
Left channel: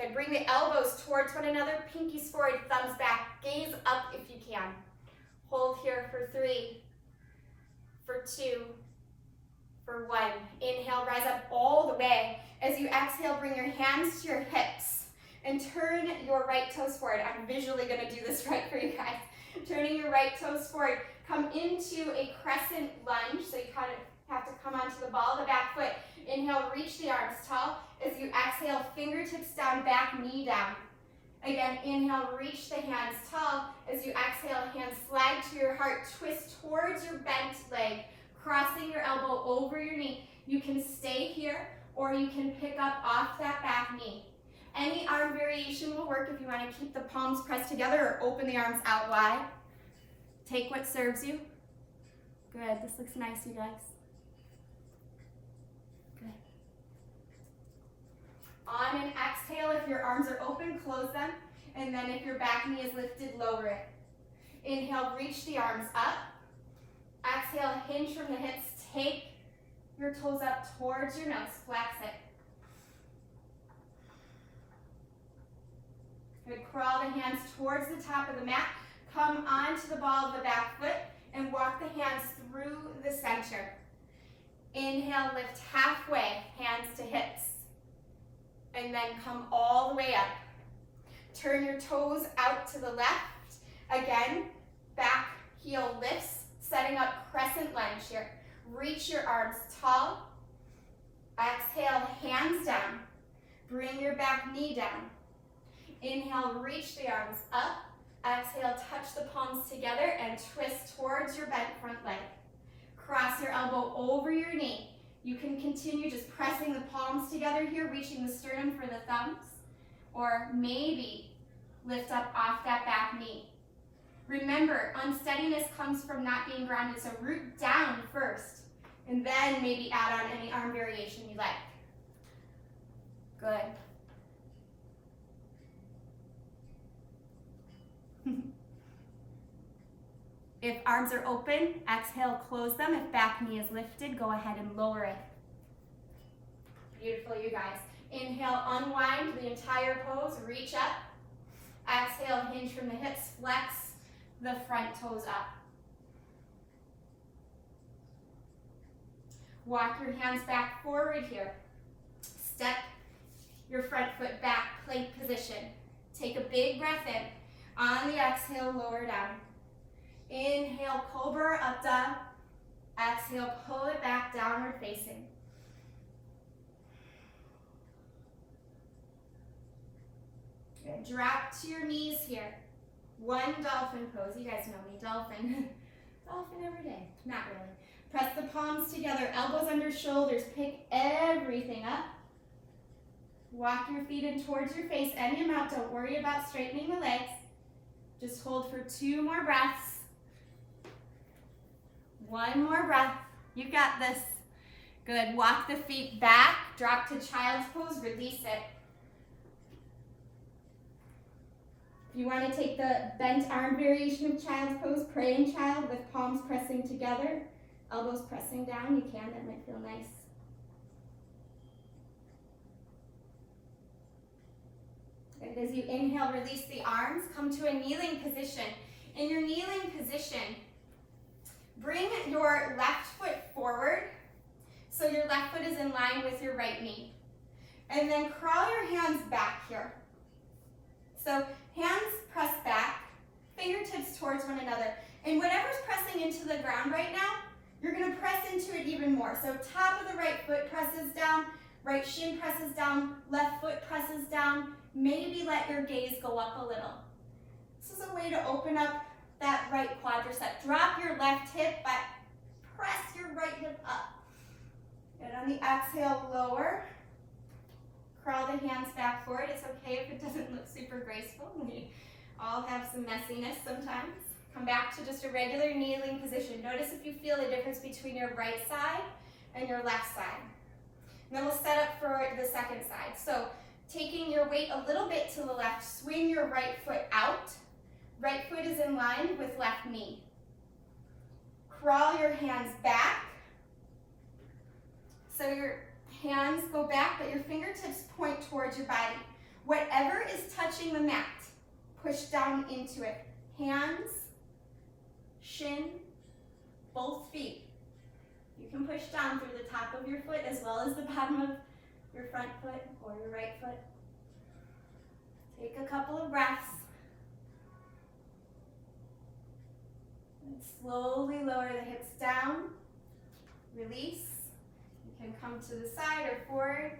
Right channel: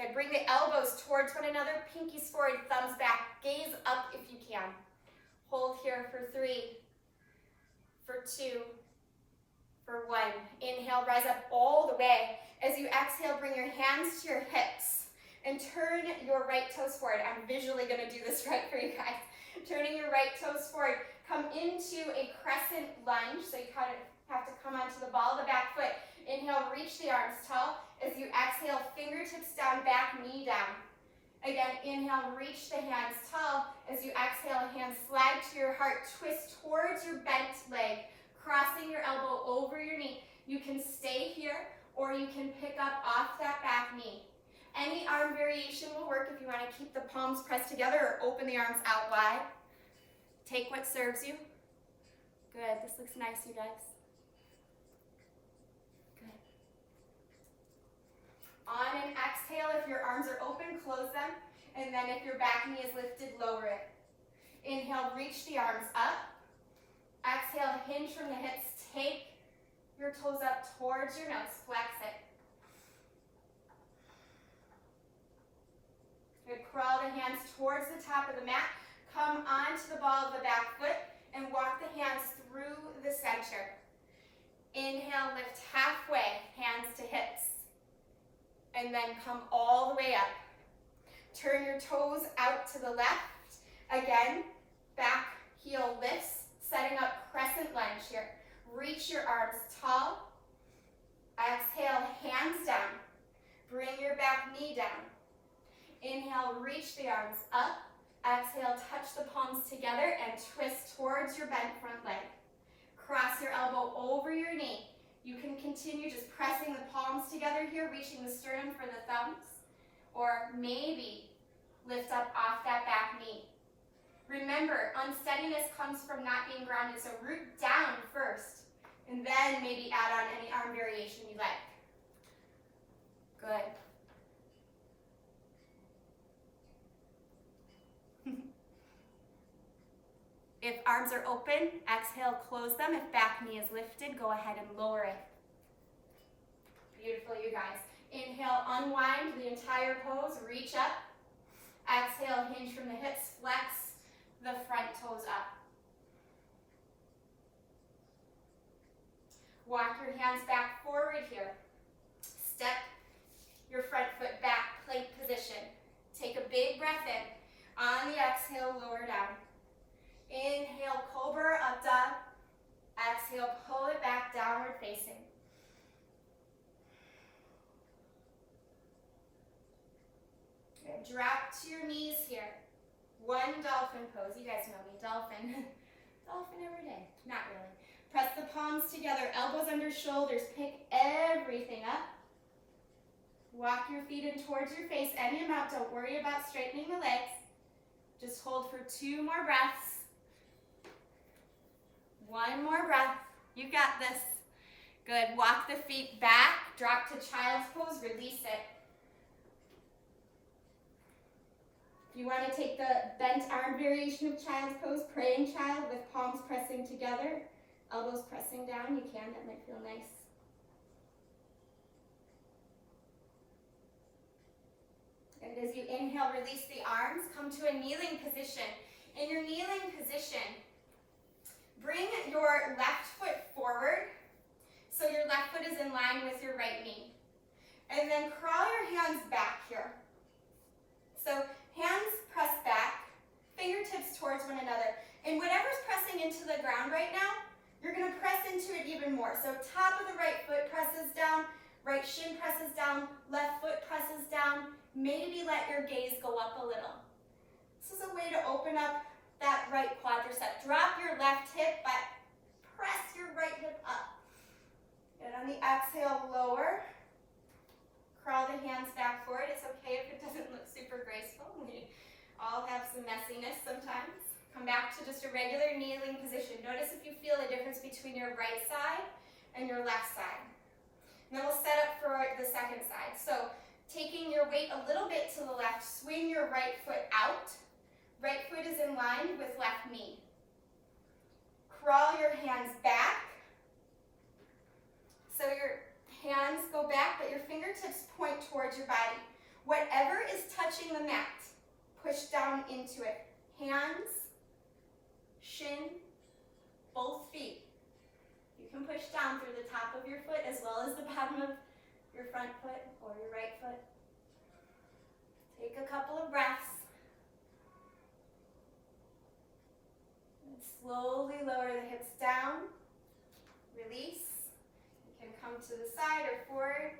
Good, bring the elbows towards one another. Pinkies forward, thumbs back. Gaze up if you can. Hold here for 3, for 2, For 1. Inhale, rise up all the way. As you exhale, bring your hands to your hips and turn your right toes forward. I'm visually going to do this right for you guys. Turning your right toes forward. Come into a crescent lunge. So you kind of have to come onto the ball of the back foot. Inhale, reach the arms tall. As you exhale, fingertips down, back knee down. Again, inhale, reach the hands tall. As you exhale, hands slide to your heart. Twist towards your bent leg, crossing your elbow over your knee. You can stay here, or you can pick up off that back knee. Any arm variation will work if you want to keep the palms pressed together or open the arms out wide. Take what serves you. Good, this looks nice, you guys. Good. On an exhale, if your arms are open, close them. And then if your back knee is lifted, lower it. Inhale, reach the arms up. Exhale, hinge from the hips. Take your toes up towards your nose. Flex it. Good. Crawl the hands towards the top of the mat. Come onto the ball of the back foot and walk the hands through the center. Inhale, lift halfway, hands to hips. And then come all the way up. Turn your toes out to the left. Again, back heel lifts, setting up crescent lunge here. Reach your arms tall. Exhale, hands down. Bring your back knee down. Inhale, reach the arms up. Exhale, touch the palms together and twist towards your bent front leg. Cross your elbow over your knee. You can continue just pressing the palms together here, reaching the sternum for the thumbs, or maybe lift up off that back knee. Remember, unsteadiness comes from not being grounded, so root down first, and then maybe add on any arm variation you like. Good. If arms are open, exhale, close them. If back knee is lifted, go ahead and lower it. Beautiful, you guys. Inhale, unwind the entire pose, reach up. Exhale, hinge from the hips, flex the front toes up. Walk your hands back forward here. Step your front foot back, plank position. Take a big breath in. On the exhale, lower down. Inhale, cobra, up, dog. Exhale, pull it back, downward facing. Good. Drop to your knees here. 1 dolphin pose. You guys know me, dolphin. Dolphin every day. Not really. Press the palms together, elbows under shoulders. Pick everything up. Walk your feet in towards your face any amount. Don't worry about straightening the legs. Just hold for 2 more breaths. 1 more breath. You got this. Good. Walk the feet back. Drop to child's pose. Release it. If you want to take the bent arm variation of child's pose, praying child with palms pressing together, elbows pressing down, you can. That might feel nice. Good. As you inhale, release the arms. Come to a kneeling position. In your kneeling position, bring your left foot forward so your left foot is in line with your right knee. And then crawl your hands back here. So hands press back, fingertips towards one another. And whatever's pressing into the ground right now, you're going to press into it even more. So top of the right foot presses down, right shin presses down, left foot presses down. Maybe let your gaze go up a little. This is a way to open up that right quadricep. Drop your left hip, but press your right hip up. And on the exhale, lower. Crawl the hands back forward. It's okay if it doesn't look super graceful. We all have some messiness sometimes. Come back to just a regular kneeling position. Notice if you feel the difference between your right side and your left side. And then we'll set up for the second side. So taking your weight a little bit to the left, swing your right foot out. Right foot is in line with left knee. Crawl your hands back. So your hands go back, but your fingertips point towards your body. Whatever is touching the mat, push down into it. Hands, shin, both feet. You can can push down through the top of your foot as well as the bottom of your front foot or your right foot. Take a couple of breaths. And slowly lower the hips down. Release. You can come to the side or forward.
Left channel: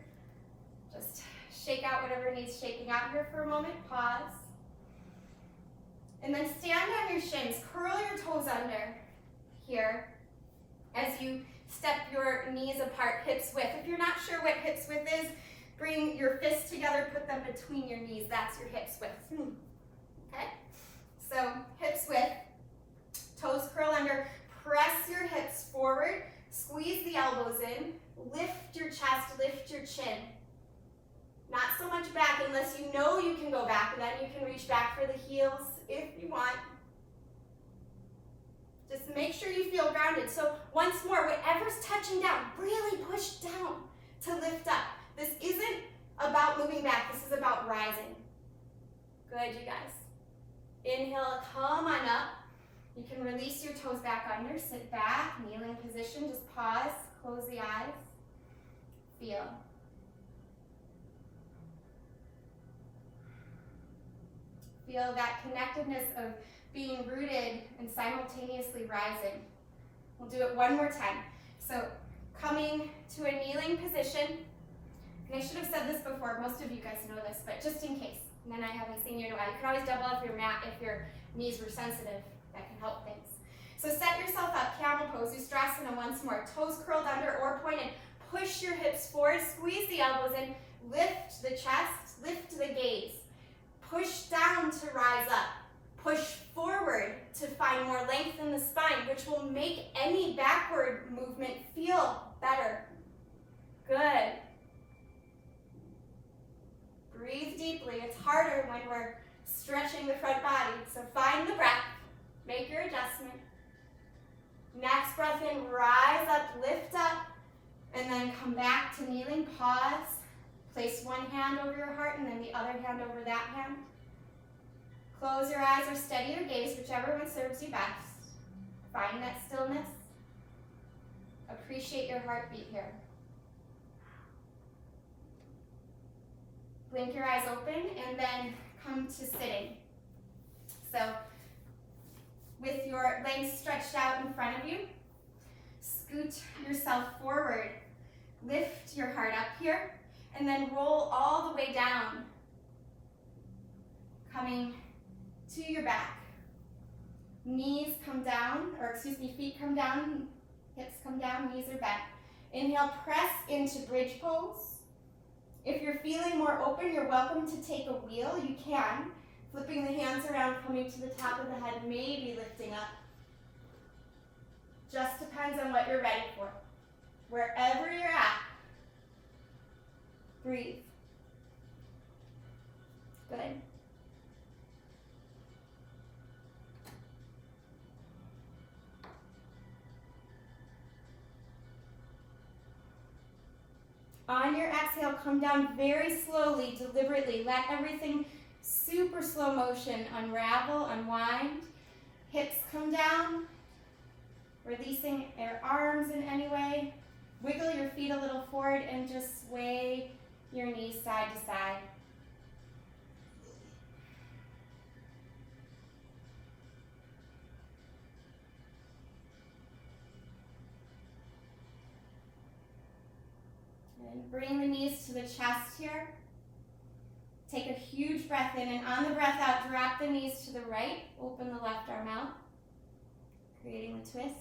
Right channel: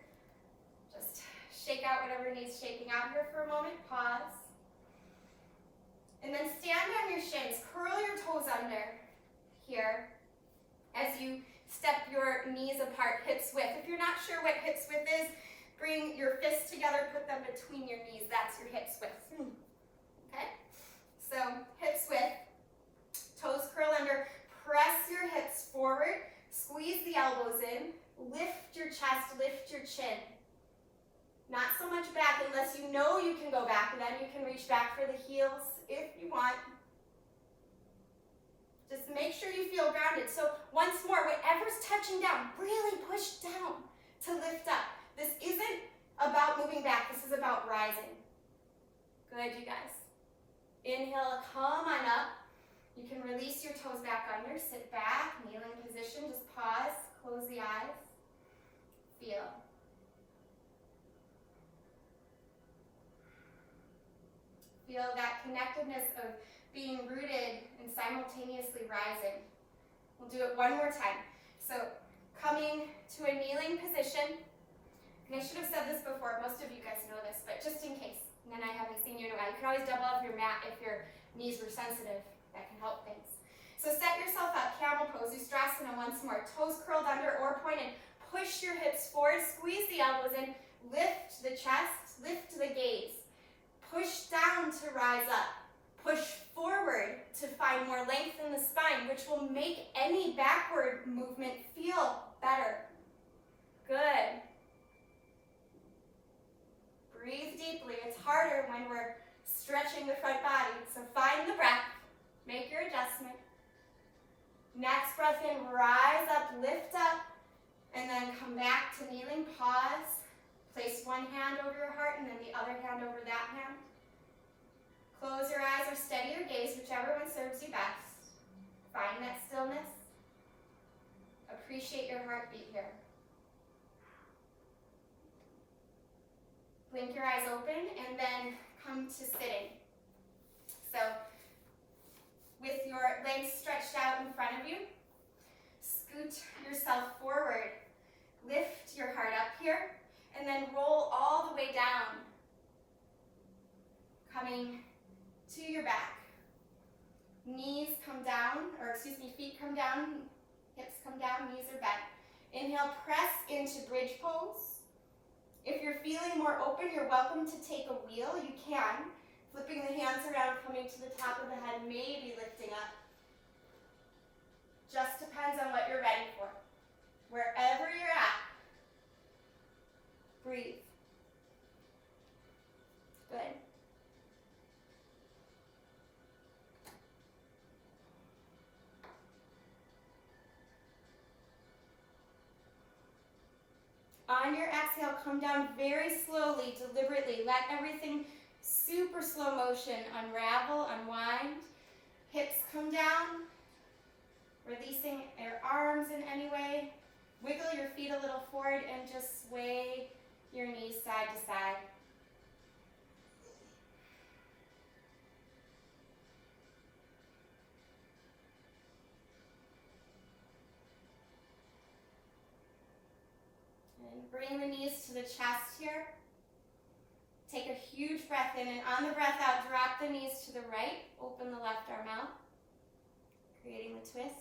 Just shake out whatever needs shaking out here for a moment. Pause. And then stand on your shins. Curl your toes under here as you step your knees apart, hips width. If you're not sure what hips width is, bring your fists together, put them between your knees. That's your hips width. Okay? So hips width, toes curl under, press your hips forward, squeeze the elbows in, lift your chest, lift your chin. Not so much back unless you know you can go back, and then you can reach back for the heels if you want. Just make sure you feel grounded. So once more, whatever's touching down, really push down to lift up. This isn't about moving back, this is about rising. Good, you guys. Inhale, come on up. You can release your toes back under, sit back, kneeling position, just pause, close the eyes, feel. Feel that connectedness of being rooted and simultaneously rising. We'll do it one more time. So coming to a kneeling position, and I should have said this before, most of you guys know this, but just in case, and then I haven't seen you in a while, you can always double up your mat if your knees were sensitive. That can help things. So set yourself up, camel pose, Ustrasana once more, toes curled under or pointed. Push your hips forward, squeeze the elbows in, lift the chest, lift the gaze. Push down to rise up. Push forward to find more length in the spine, which will make any backward movement feel better. Good. Breathe deeply. It's harder when we're stretching the front body. So find the breath. Make your adjustment. Next breath in, rise up, lift up, and then come back to kneeling. Pause. Place one hand over your heart and then the other hand over that hand. Close your eyes or steady your gaze, whichever one serves you best. Find that stillness. Appreciate your heartbeat here. Blink your eyes open and then come to sitting. So, with your legs stretched out in front of you, scoot yourself forward. Lift your heart up here. And then roll all the way down, coming to your back. Knees come down, feet come down, hips come down, knees are bent. Inhale, press into bridge pose. If you're feeling more open, you're welcome to take a wheel. You can. Flipping the hands around, coming to the top of the head, maybe lifting up. Just depends on what you're ready for. Wherever you're at, breathe. Good. On your exhale, come down very slowly, deliberately. Let everything super slow motion unravel, unwind. Hips come down, releasing your arms in any way. Wiggle your feet a little forward and just sway your knees side to side. And bring the knees to the chest here. Take a huge breath in, and on the breath out, drop the knees to the right. Open the left arm out, creating a twist.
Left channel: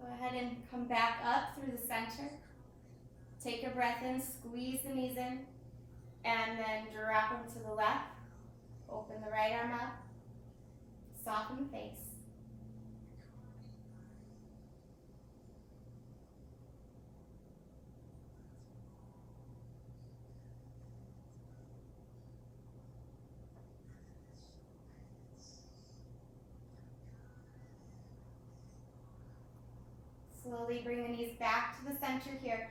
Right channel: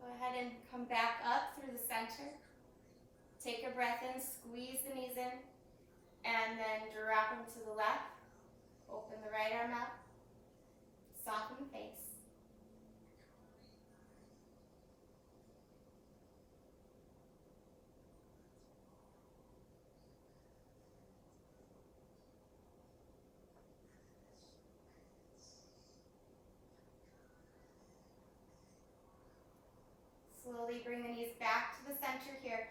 Go ahead and come back up through the center. Take a breath in, squeeze the knees in, and then drop them to the left. Open the right arm up. Soften the face. Slowly bring the knees back to the center here.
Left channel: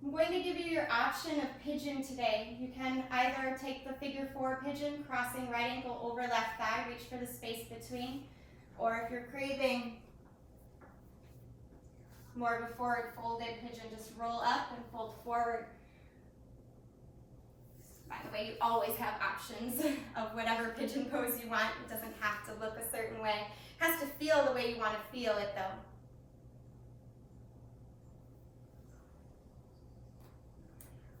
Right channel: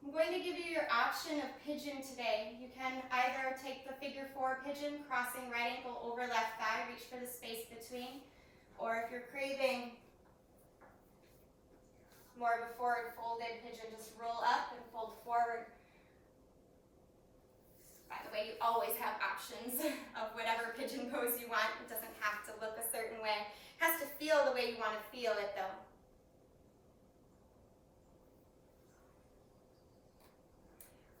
I'm going to give you your option of pigeon today. You can either take the figure 4 pigeon, crossing right ankle over left thigh, reach for the space between, or if you're craving more of a forward folded pigeon, just roll up and fold forward. By the way, you always have options of whatever pigeon pose you want. It doesn't have to look a certain way. It has to feel the way you want to feel it though.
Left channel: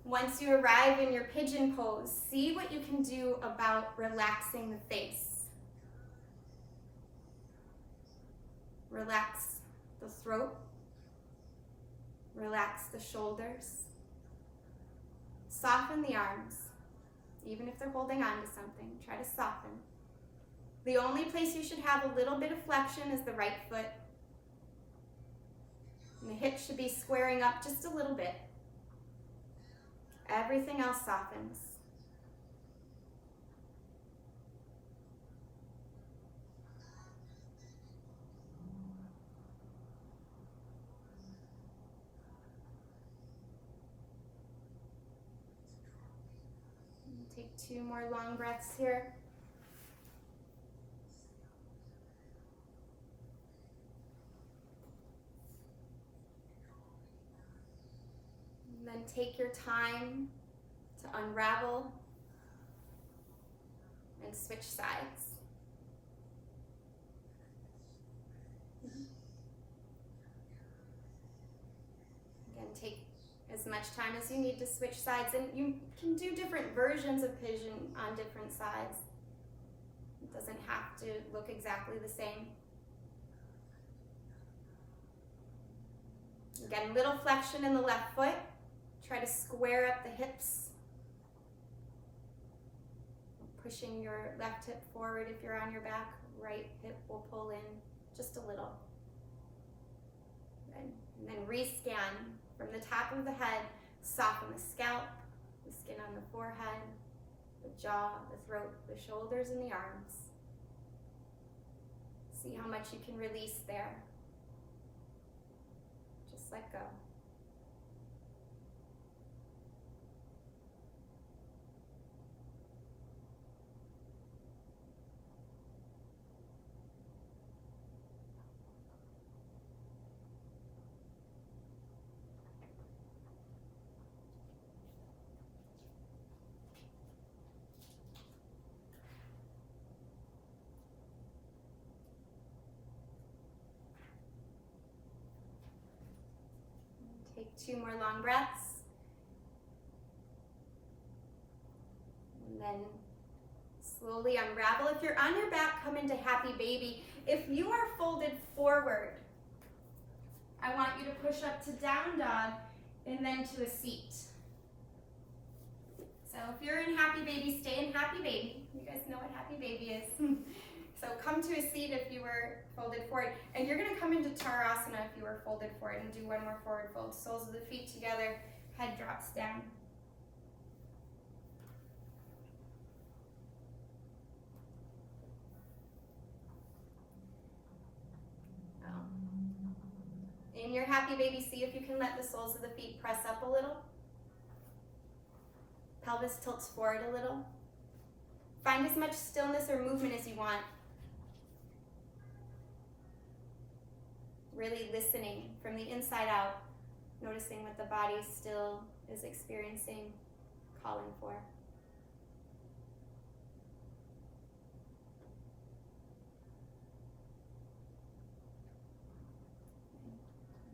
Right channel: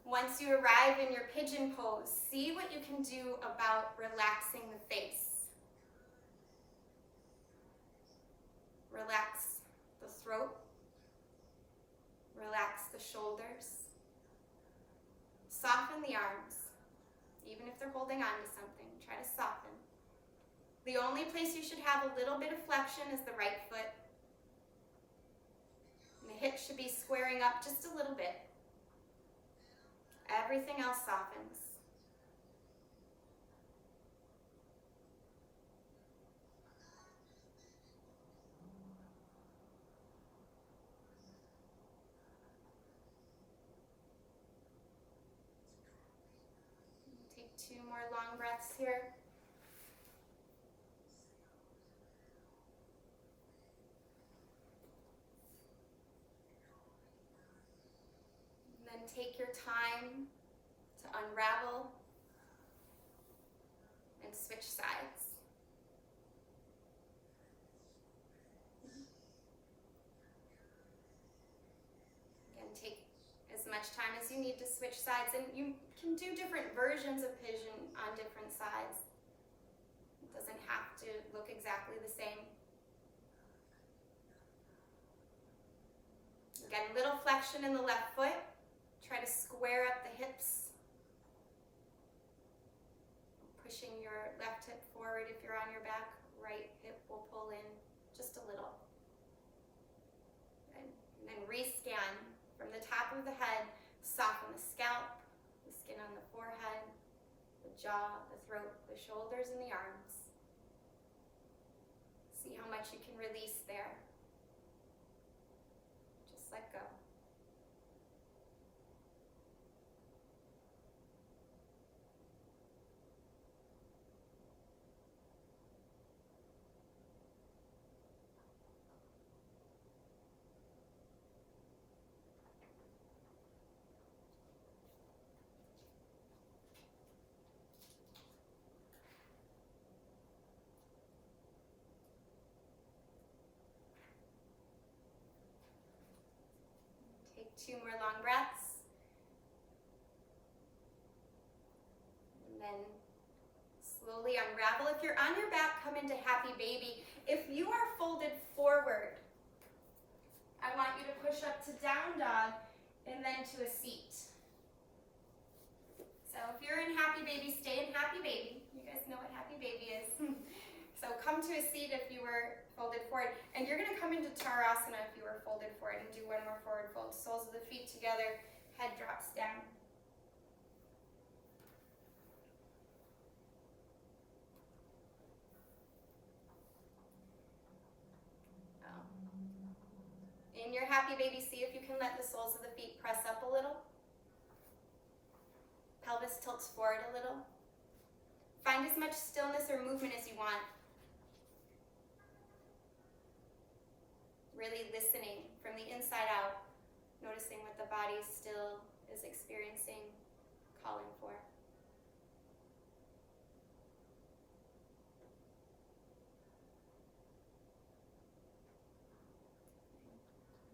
Once you arrive in your pigeon pose, see what you can do about relaxing the face. Relax the throat. Relax the shoulders. Soften the arms. Even if they're holding on to something, try to soften. The only place you should have a little bit of flexion is the right foot. And the hips should be squaring up just a little bit. Everything else softens. Take 2 more long breaths here. And then take your time to unravel and switch sides. Again, take as much time as you need to switch sides, and you can do different versions of pigeon on different sides. It doesn't have to look exactly the same. Again, little flexion in the left foot. Try to square up the hips. Pushing your left hip forward if you're on your back. Right hip will pull in just a little. Good. And then rescan from the top of the head. Soften the scalp, the skin on the forehead, the jaw, the throat, the shoulders, and the arms. See how much you can release there. Just let go. Take 2 more long breaths. And then slowly unravel. If you're on your back, come into happy baby. If you are folded forward, I want you to push up to down dog and then to a seat. So if you're in happy baby, stay in happy baby. You guys know what happy baby is. So come to a seat if you were folded forward. And you're going to come into Tarasana if you were folded forward, and do 1 more forward fold. Soles of the feet together, head drops down. In your happy baby, see if you can let the soles of the feet press up a little. Pelvis tilts forward a little. Find as much stillness or movement as you want. Really listening from the inside out, noticing what the body still is experiencing, calling for.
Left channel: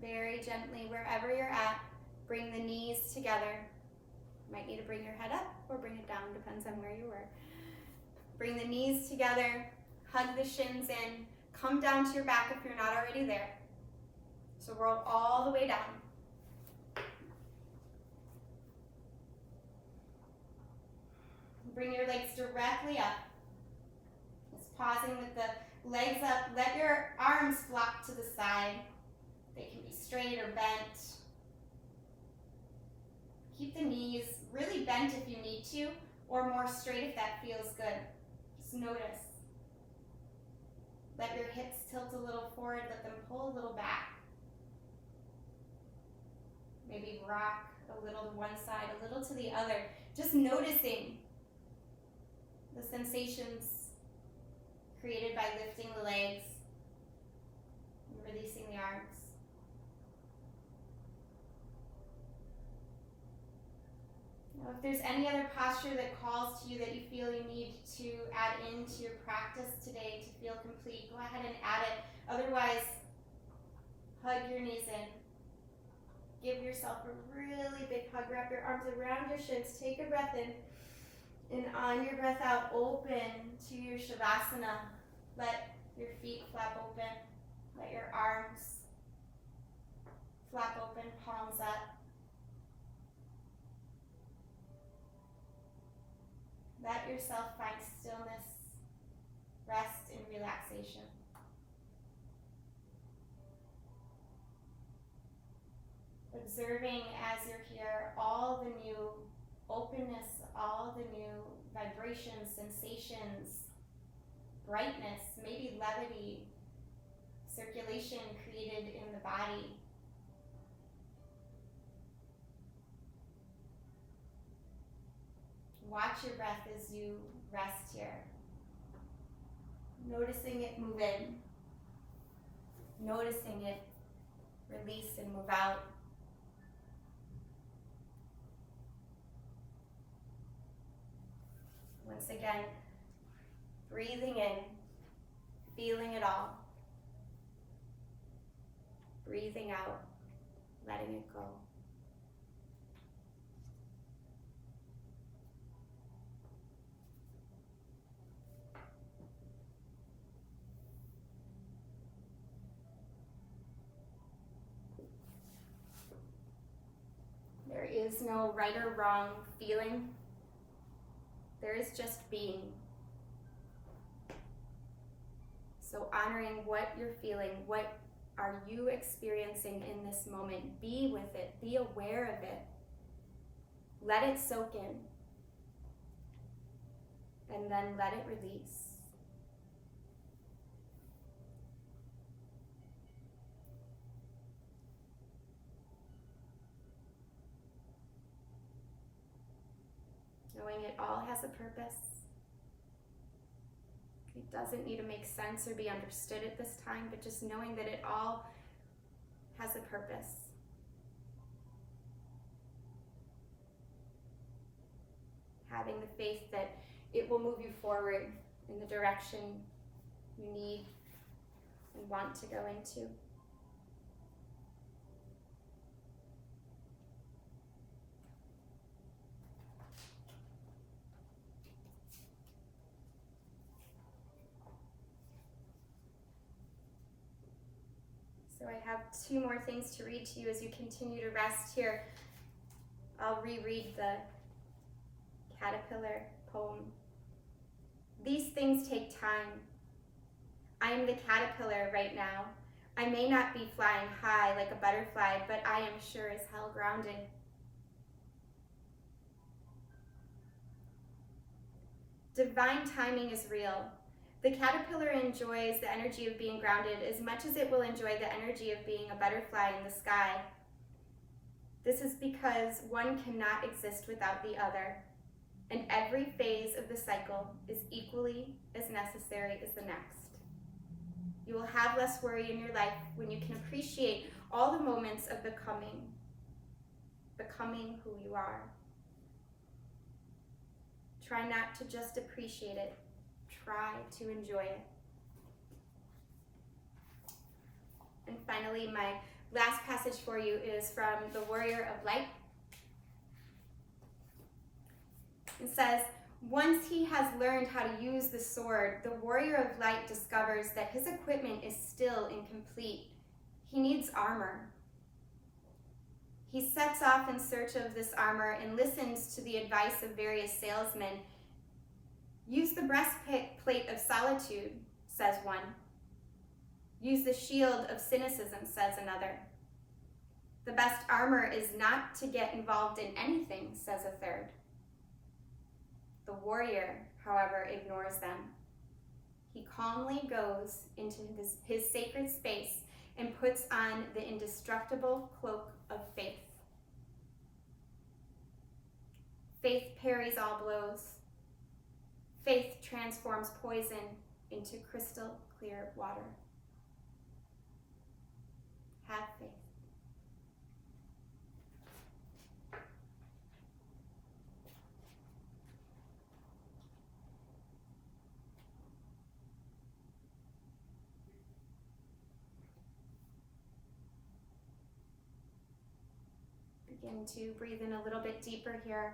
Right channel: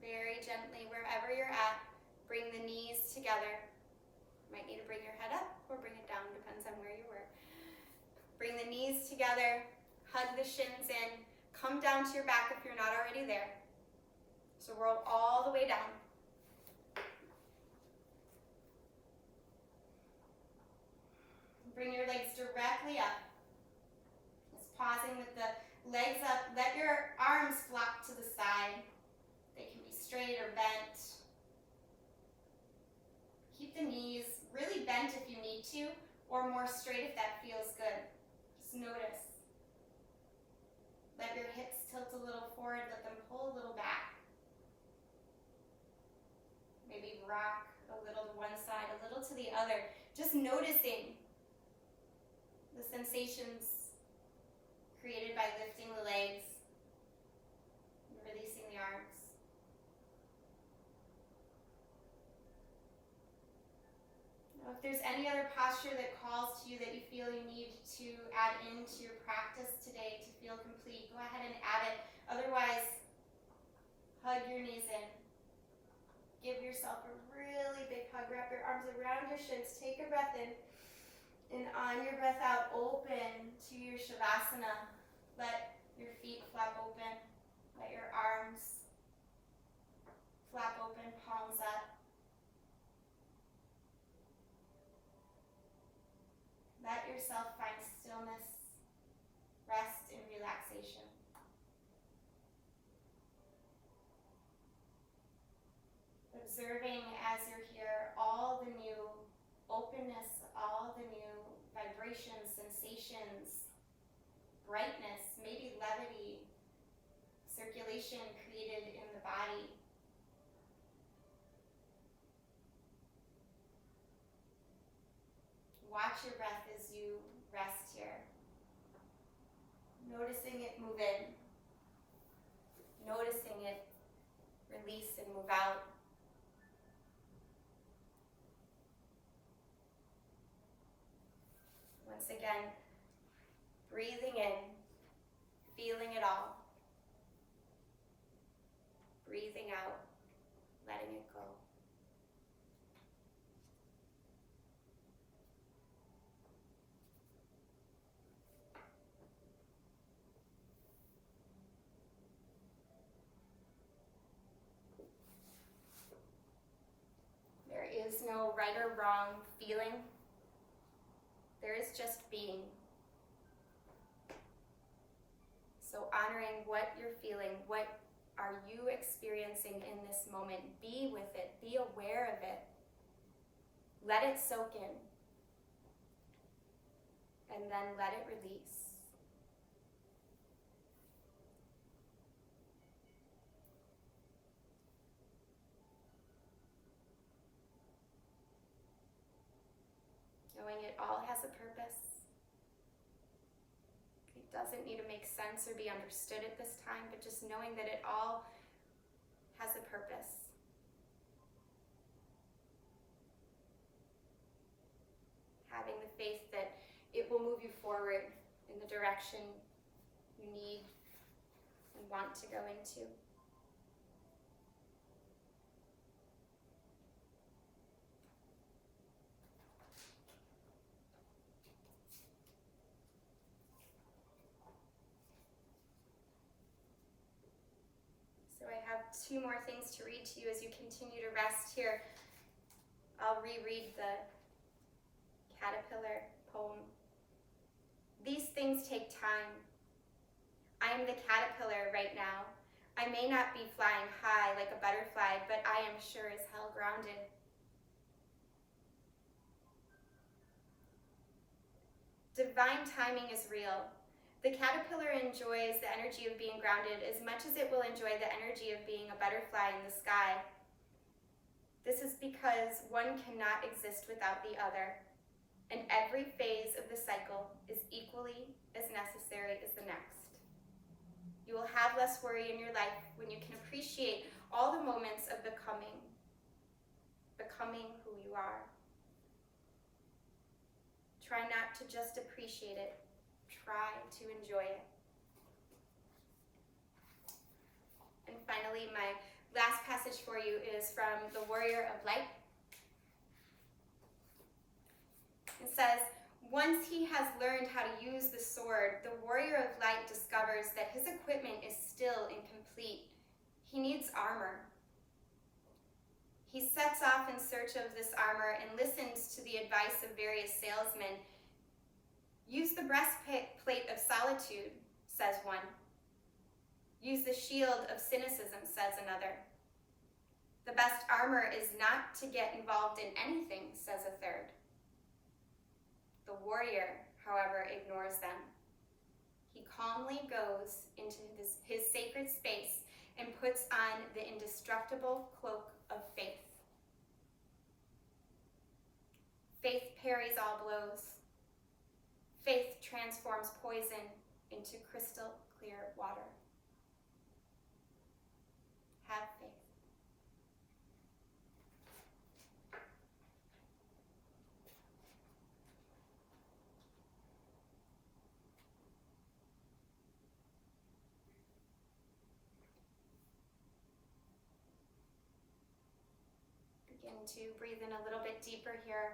Very gently, wherever you're at, bring the knees together. You might need to bring your head up or bring it down, depends on where you were. Bring the knees together, hug the shins in, come down to your back if you're not already there. So roll all the way down. Bring your legs directly up. Just pausing with the legs up. Let your arms flop to the side. They can be straight or bent. Keep the knees really bent if you need to, or more straight if that feels good. Just notice. Let your hips tilt a little forward, let them pull a little back. rock a little to one side, a little to the other, just noticing the sensations created by lifting the legs and releasing the arms. Now, if there's any other posture that calls to you that you feel you need to add into your practice today to feel complete, go ahead and add it. Otherwise, hug your knees in. Give yourself a really big hug. Wrap your arms around your shins. Take a breath in. And on your breath out, open to your Shavasana. Let your feet flap open. Let your arms flap open, palms up. Let yourself find stillness, rest, and relaxation. Observing as you're here all the new openness, all the new vibrations, sensations, brightness, maybe levity, circulation created in the body. Watch your breath as you rest here. Noticing it move in. Noticing it release and move out. Once again, breathing in, feeling it all. Breathing out, letting it go. There is no right or wrong feeling. There is just being. So honoring what you're feeling, what are you experiencing in this moment? Be with it, be aware of it. Let it soak in. And then let it release. Knowing it all has a purpose. It doesn't need to make sense or be understood at this time, but just knowing that it all has a purpose. Having the faith that it will move you forward in the direction you need and want to go into. So I have two more things to read to you as you continue to rest here. I'll reread the caterpillar poem. These things take time. I am the caterpillar right now. I may not be flying high like a butterfly, but I am sure as hell grounded. Divine timing is real. The caterpillar enjoys the energy of being grounded as much as it will enjoy the energy of being a butterfly in the sky. This is because one cannot exist without the other, and every phase of the cycle is equally as necessary as the next. You will have less worry in your life when you can appreciate all the moments of becoming who you are. Try not to just appreciate it. Try to enjoy it. And finally, my last passage for you is from the Warrior of Light. It says, once he has learned how to use the sword, the Warrior of Light discovers that his equipment is still incomplete. He needs armor. He sets off in search of this armor and listens to the advice of various salesmen. Use the breastplate of solitude, says one. Use the shield of cynicism, says another. The best armor is not to get involved in anything, says a third. The warrior, however, ignores them. He calmly goes into his sacred space and puts on the indestructible cloak of faith. Faith parries all blows. Faith transforms poison into crystal clear water. Have faith. Begin to breathe in a little bit deeper here.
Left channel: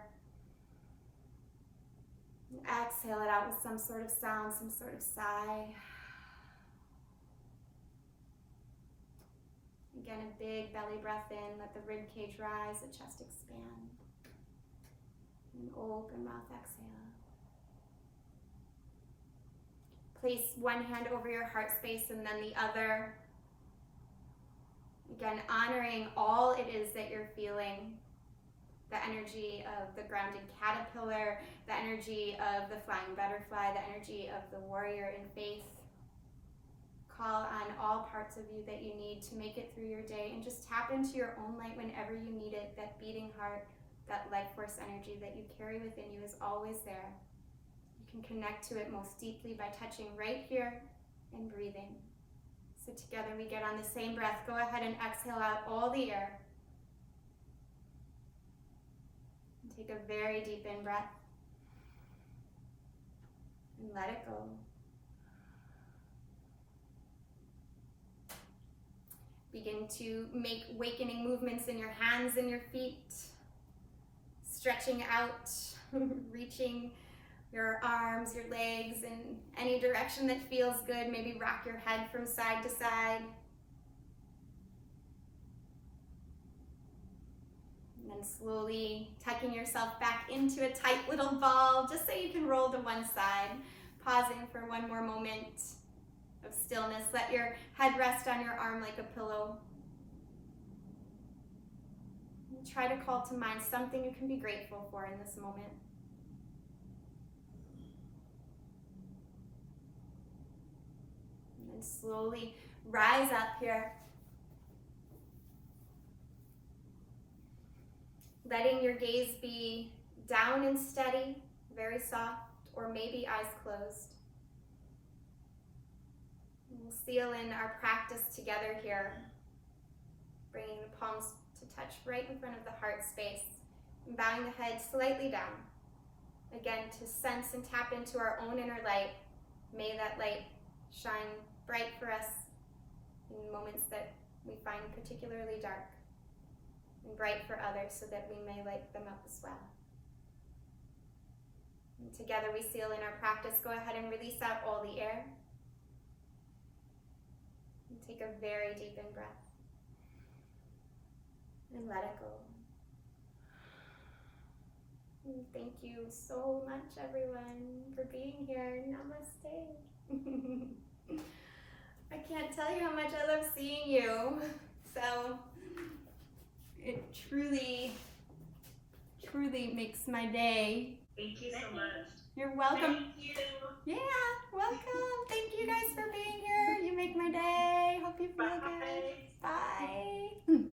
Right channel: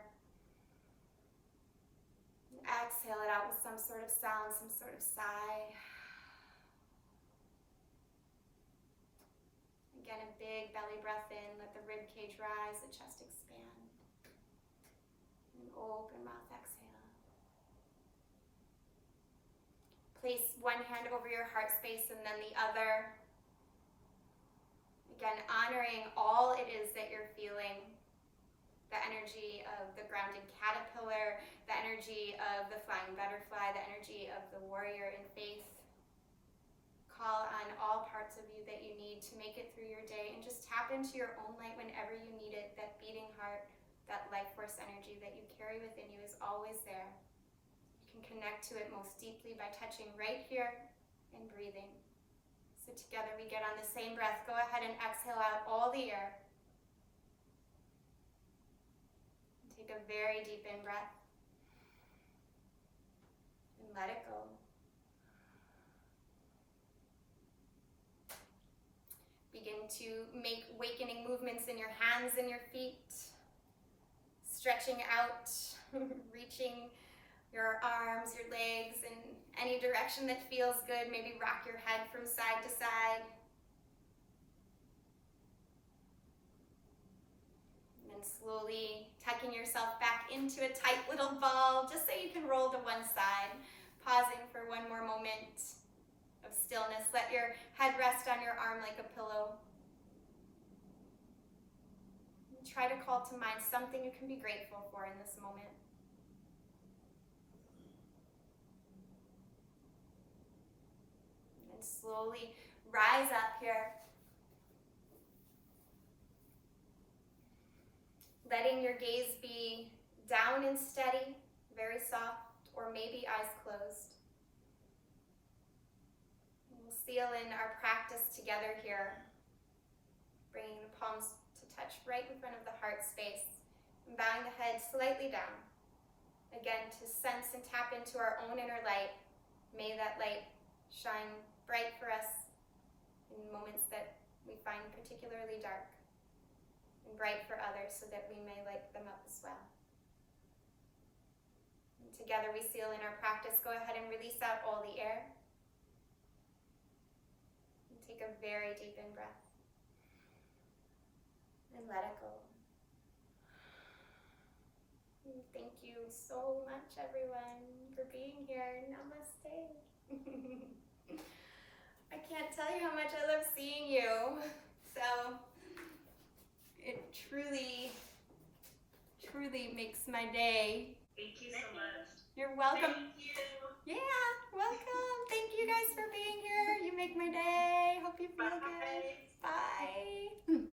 And exhale it out with some sort of sound, some sort of sigh. Again, a big belly breath in, let the rib cage rise, the chest expand. And open mouth, exhale. Place one hand over your heart space and then the other. Again, honoring all it is that you're feeling. The energy of the grounded caterpillar, the energy of the flying butterfly, the energy of the warrior in faith. Call on all parts of you that you need to make it through your day and just tap into your own light whenever you need it. That beating heart, that life force energy that you carry within you is always there. You can connect to it most deeply by touching right here and breathing. So together we get on the same breath. Go ahead and exhale out all the air. And take a very deep in breath. And let it go. Begin to make awakening movements in your hands and your feet. Stretching out, reaching your arms, your legs in any direction that feels good. Maybe rock your head from side to side. And then slowly tucking yourself back into a tight little ball, just so you can roll to one side. Pausing for one more moment of stillness. Let your head rest on your arm like a pillow. And try to call to mind something you can be grateful for in this moment. And then slowly rise up here. Letting your gaze be down and steady, very soft, or maybe eyes closed. We'll seal in our practice together here, bringing the palms to touch right in front of the heart space, and bowing the head slightly down. Again, to sense and tap into our own inner light. May that light shine bright for us in moments that we find particularly dark, and bright for others so that we may light them up as well. And together we seal in our practice. Go ahead and release out all the air. And take a very deep in breath. And let it go. And thank you so much, everyone, for being here. Namaste. I can't tell you how much I love seeing you. So it truly, truly makes my day. Thank you so much. You're welcome. Thank you. Yeah, welcome. Thank you guys for being here. You make my day. Hope you feel Bye. good. Bye.